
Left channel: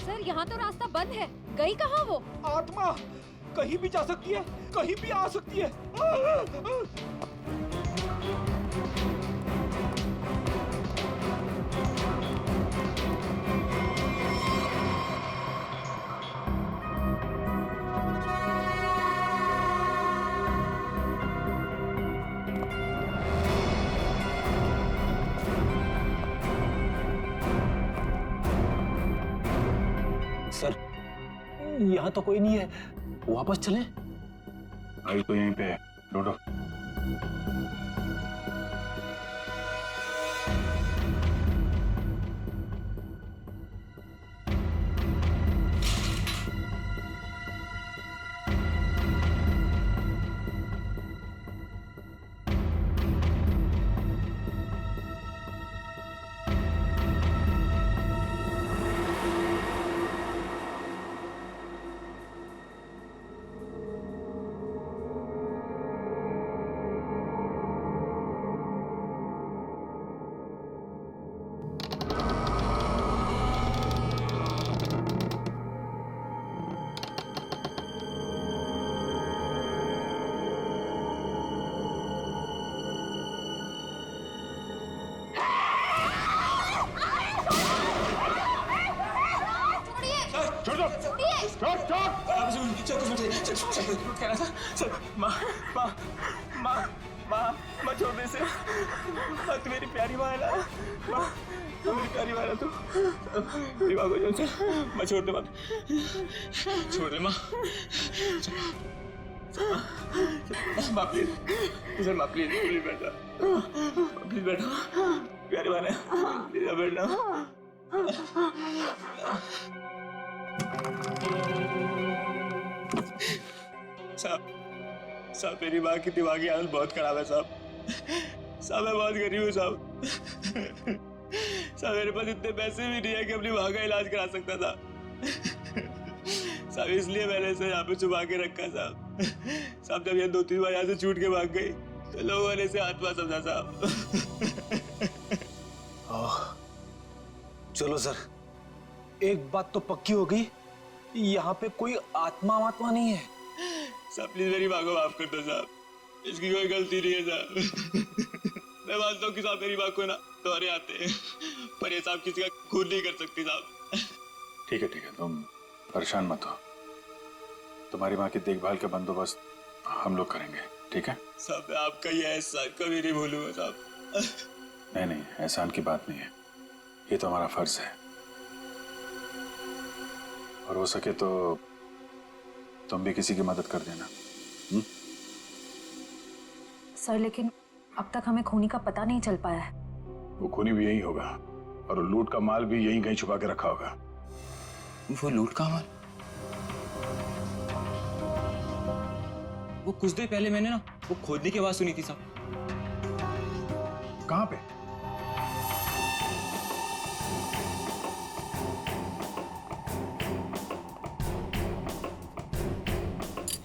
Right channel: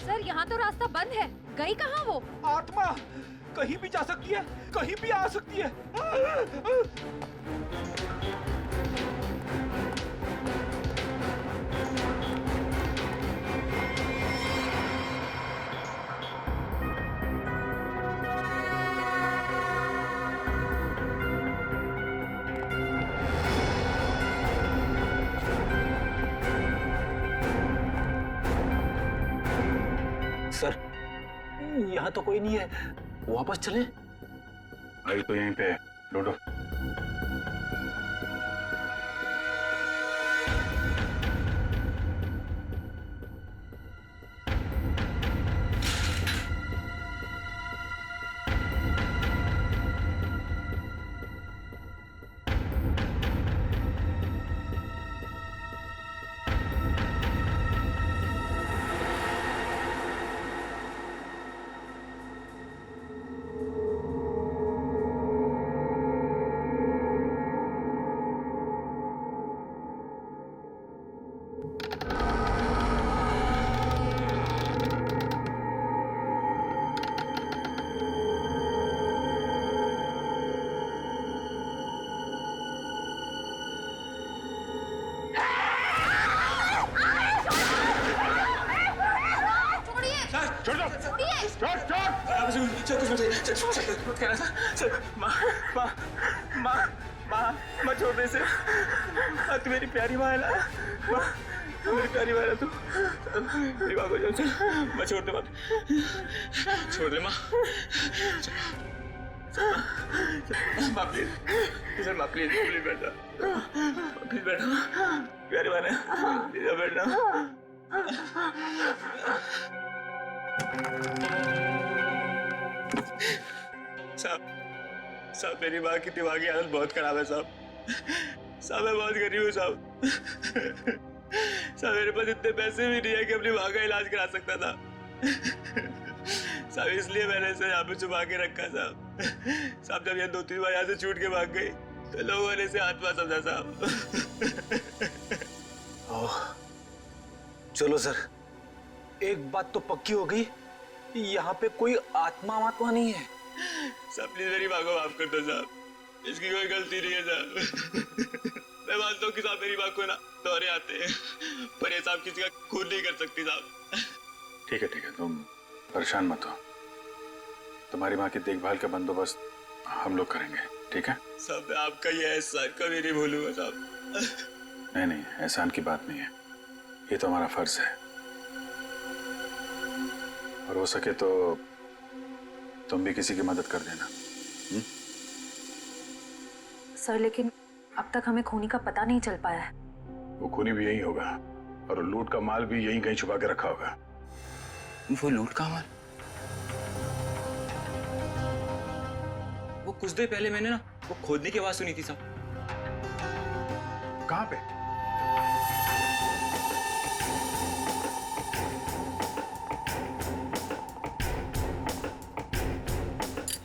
सर यहाँ तो रास्ता बंद है, गई कहाँ वो? आत्मा कहीं भी जा सकती है, कहीं भी आ सकती है। सर, यहाँ तो कोई नहीं है, वापस चलें? आई तो यहीं पे है, डोडो। छोड़ दो। छोड़ कह रहा था सर। माँ माँ माँ माँ माँ छोड़ दे इसे। माँ तू मेरी प्यारी माँ है ना। माँ मेरी प्यारी माँ है तू। मेरी माँ को छोड़। माँ छोड़ दे, माँ छोड़ दे माँ। माँ प्लीज सर, माँ प्लीज प्लीज बैठा, प्लीज बैठा। प्यारी माँ ने प्लीज बैठना। साहब मेरी माँ की दिमागी हालत बहुत खराब है साहब। मैं बहुत गरीब हूँ साहब। मेरे पास इतने पैसे भी नहीं है कि अपनी माँ का इलाज करा सकता था। साहब इसलिए मैंने इसे यहाँ पे छुपा के रखा साहब। साहब जब ये 2-3 बार यहाँ से छूट के भाग गई तो लोगों ने इसे आत्मा समझा साहब। चलो सर, एक बात तो पक्की हो गई, यहाँ पे कोई आत्मा वात्मा नहीं है। साहब प्लीज मेरी माँ को माफ कर दो साहब, इसकी कोई गलती नहीं है साहब। मैं मानता हूँ कि साहब मेरी माँ को ना दौरे आते हैं, पर ये साहब किसी का खून नहीं कर सकती साहब। ठीक है, तुम परेशान मत हो। तुम्हारी माँ की देखभाल का बंदोबस्त हम लोग करेंगे, ठीक है? साहब मैं आपका ये एहसान कभी नहीं भूलूंगा साहब। नहीं, एहसान की बात नहीं है, ये तो हमारा फर्ज है। और हो सके तो तुम भी किसी की मदद कर देना। सर लेकिन अब तक हमें खूनी का पता नहीं चल पाया है। वो खूनी भी यही होगा और लूट का माल भी यहीं कहीं छुपा के रखा होगा। वो लूट का माल? वो कुछ देर पहले मैंने ना वो खोदने की आवाज सुनी थी साहब। कहाँ पे?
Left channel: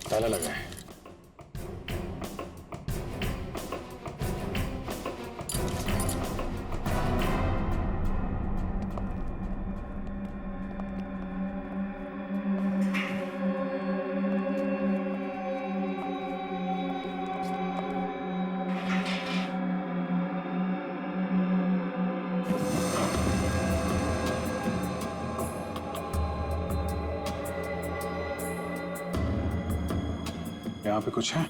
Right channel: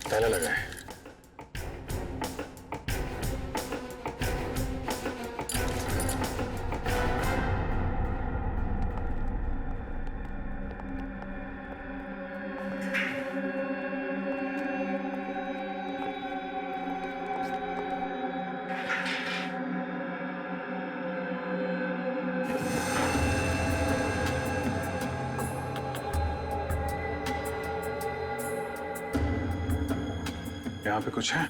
ताला लगा है। यहाँ पे कुछ है?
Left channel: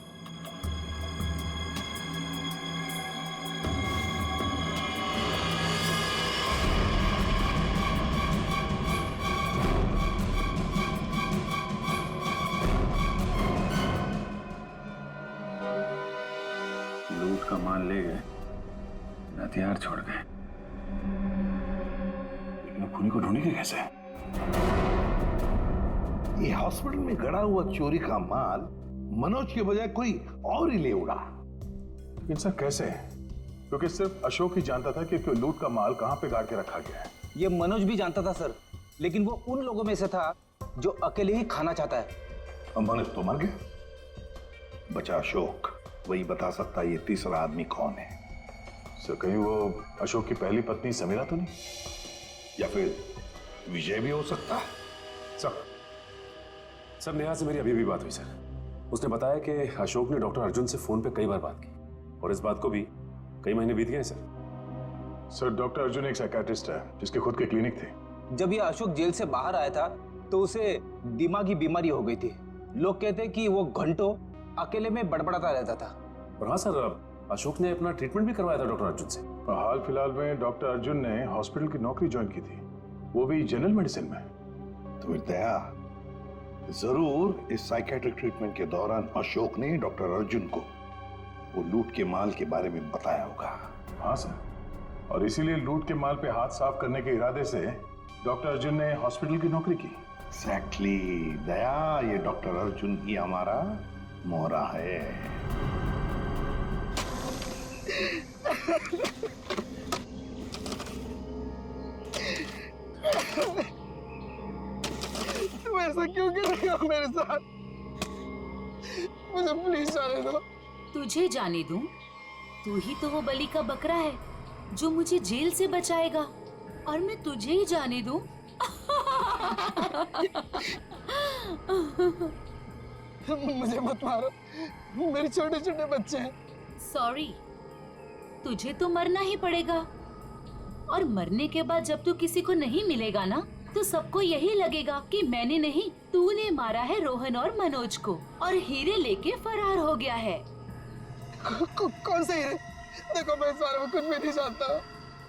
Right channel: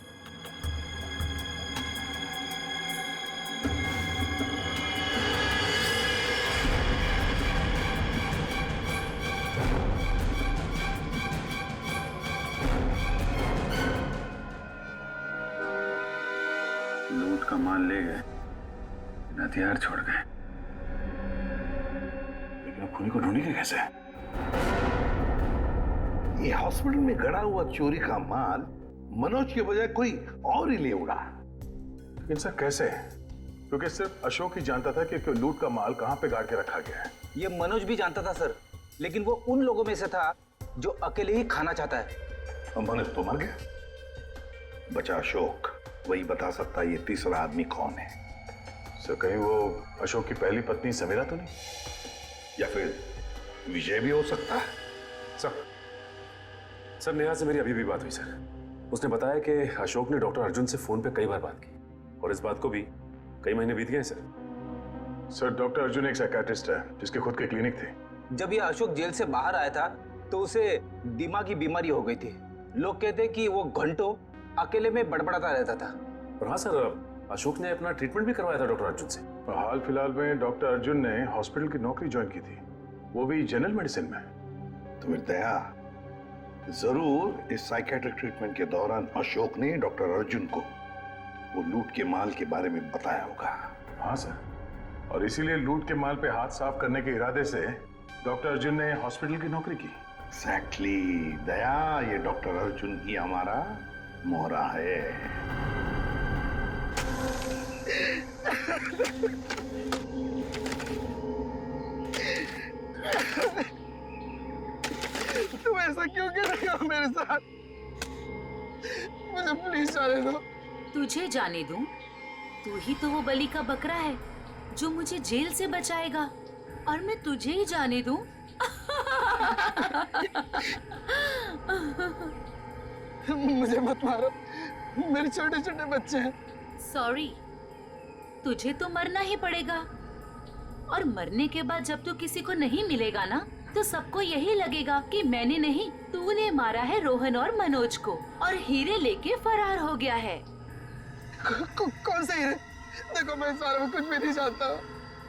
लूट का माल ले गए, हथियार छोड़ गए, लेकिन खूनी को ढूंढेंगे कैसे? ये हॉस्पिटल में गड़ा हुआ चोरी का माल मनोज के बजाय कोई और ही ले उड़ा। लेकिन सर कैसे? क्योंकि सिर्फ अशोक ही जानता था कि लूट का माल कहां पे गाड़ के रखा गया है। ये मनोज भी जानता था सर, लेकिन वो उन लोगों में से था जो अकेले ही खाना चाहता है। मनोज तो मर गया, बचा अशोक, वही बता सकता है ये तीसरा आदमी कौन है। सर कहीं वो अशोक की पहली पत्नी समीरा तो नहीं? या फिर विजय भी हो सकता है। सर नेहा से मेरी अभी भी बात हुई सर। उसने बताया कि अशोक ने डॉक्टर अर्जुन से फोन पे कई बार बात की और इस बात को भी कई महीने बीत गए सर। डॉक्टर अर्जुन एक साइकियाट्रिस्ट है जिसके खुद के क्लिनिक थे। जब ये अशोक जेल से बाहर आया था तो उसे दिमागी बीमारी हो गई थी। लोग कहते कि वो घंटों अकेले में बड़बड़ाता रहता था। और हाँ सर, अशोक ने अपना ट्रीटमेंट भी करवाया था डॉक्टर अर्जुन से। हाल फिलहाल में डॉक्टर अर्जुन ने हॉस्पिटल की नौकरी ज्वाइन की थी, वो भी जनरल मेडिसिन में। तो फिर दया जरूर इस साइकेट्रिक ट्रीटमेंट के दौरान अशोक ने डॉक्टर अर्जुन को वो लूट के माल के बारे में बताया होगा। हाँ सर, और इसीलिए लूट के माल पे हाथ साफ करने के इरादे से डॉक्टर अर्जुन ने हॉस्पिटल की नौकरी की। एग्जैक्टली दया, ये डॉक्टर अर्जुन ही हमारा मोहरा है। तुम ऐसा क्यों कर रहे हो मेरे साथ? मुझे प्लीज जाने दो। तुझे जाने दूं? तू ही तो वो बलि का बकरा है जो मुझे जेल से बचाएगा, और मैं तुझे ही जाने दूं? मुझे मत मारो, मेरे छोटे छोटे बच्चे हैं। सॉरी, तुझे तो मरना ही पड़ेगा, और मरने के बाद जब तू किसी को नहीं मिलेगा ना, तो सबको यही लगेगा कि मैंने नहीं, तूने मारा है रोहन और मनोज को, और हीरे लेके फरार हो गया है। कौन से हीरे? देखो मैं इस बारे में कुछ भी नहीं जानता।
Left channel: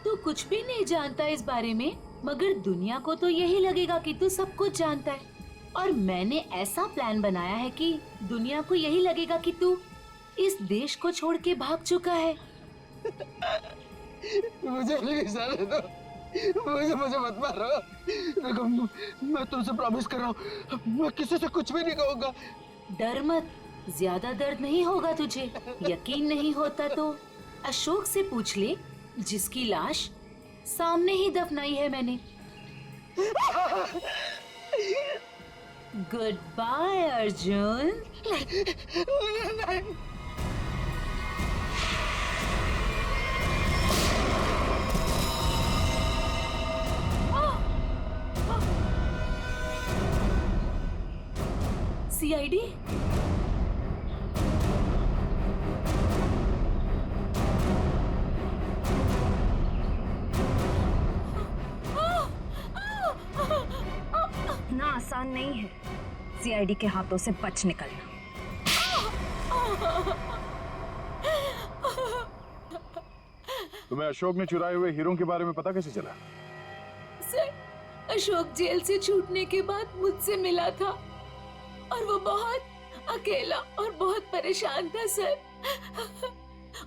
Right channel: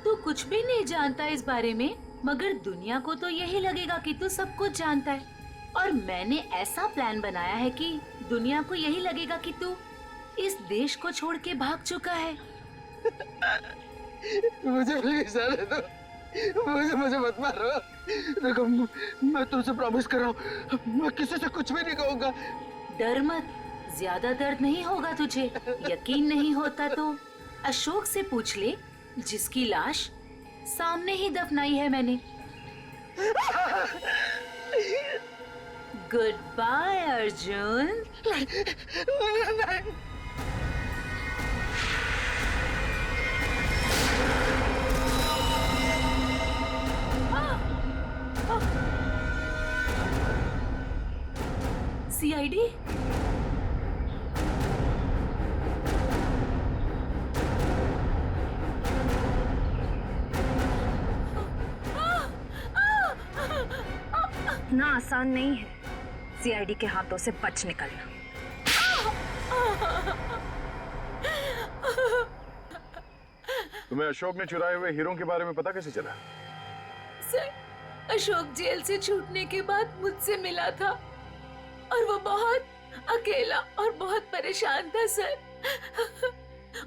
तू कुछ भी नहीं जानता इस बारे में, मगर दुनिया को तो यही लगेगा कि तू सब कुछ जानता है, और मैंने ऐसा प्लान बनाया है कि दुनिया को यही लगेगा कि तू इस देश को छोड़ के भाग चुका है। मुझे प्लीज जाने दो, मुझे मत मारो। देखो मैं तुमसे प्रॉमिस कर रहा हूँ, मैं किसी से कुछ भी नहीं कहूँगा। डर मत, ज्यादा दर्द नहीं होगा तुझे। यकीन नहीं होता तो अशोक से पूछ ले, जिसकी लाश सामने ही दफनाई है मैंने। Goodbye Arjun. सीआईडी? इतना आसान नहीं है सीआईडी के हाथों से बच निकलना। तुम्हें अशोक ने चुराए हुए हीरों के बारे में पता कैसे चला? सर, अशोक जेल से छूटने के बाद मुझसे मिला था और वो बहुत अकेला और बहुत परेशान था सर।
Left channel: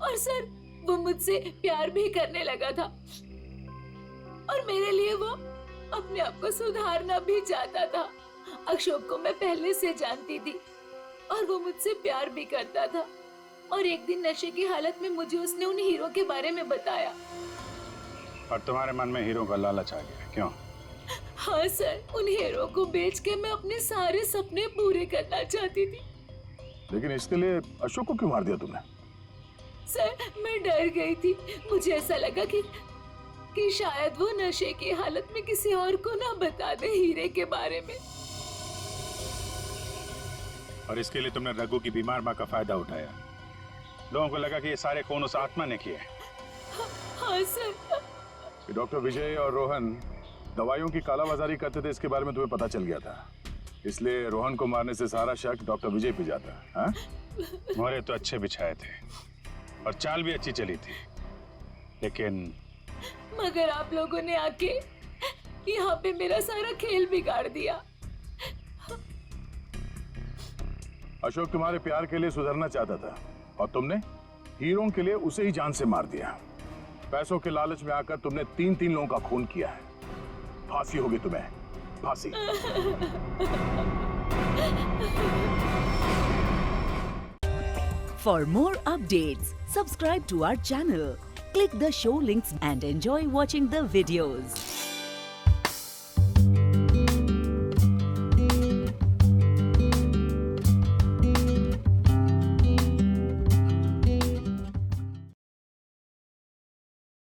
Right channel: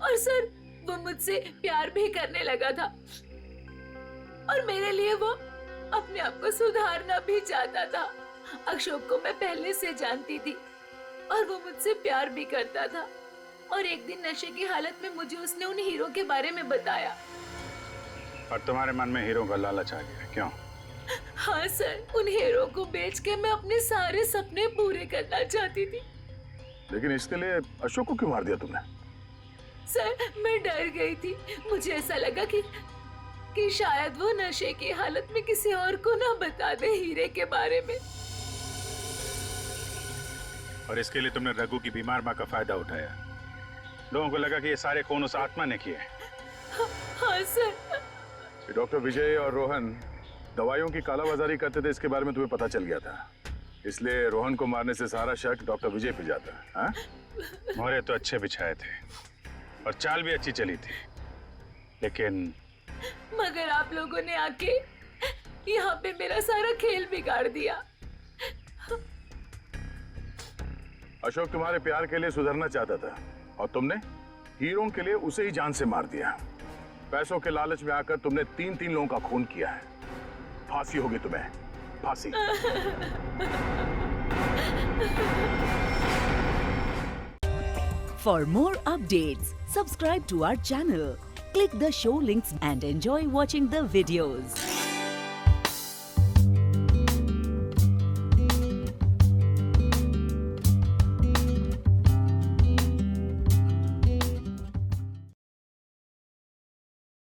और सर, वो मुझसे प्यार भी करने लगा था और मेरे लिए वो अपने आप को सुधारना भी चाहता था। अशोक को मैं पहले से जानती थी और वो मुझसे प्यार भी करता था। और एक दिन नशे की हालत में मुझे उसने उन हीरो के बारे में बताया। और तुम्हारे मन में हीरो का लालच आ गया, क्यों? हाँ सर, उन हीरो को बेच के मैं अपने सारे सपने पूरे करना चाहती थी। लेकिन इसके लिए अशोक को क्यों मार दिया तुमने? सर, मैं डर गई थी। मुझे ऐसा लगा कि शायद वो नशे की हालत में किसी और को ना बता दे हीरे के बारे में। और इसके लिए तुमने रघु की बीमार माँ का फायदा उठाया। लोगों को लगा कि ये सारे खून उस आत्मा ने किए। हाँ सर। डॉक्टर विजय और रोहन दवाइयों की कालाबाजारी करते थे, इसके बारे में तुम्हें पता चल गया था। इसलिए रोहन को मारने से सारा शक डॉक्टर विजय पे जाता। हाँ? मोहरे तो अच्छे बिछाए थे और चाल भी अच्छी चली थी, लेकिन मगर आप लोगों ने आके यहाँ पे मेरा सारा खेल बिगाड़ दिया। अशोक तुम्हारे प्यार के लिए सुधरना चाहता था और तुमने हीरों के लिए उसे ही जान से मार दिया। पैसों के लालच में आकर तुमने 3 लोगों का खून किया है। फांसी होगी तुम्हें, फांसी। For more updates, subscribe to our channel, click the show links and enjoy watching the videos.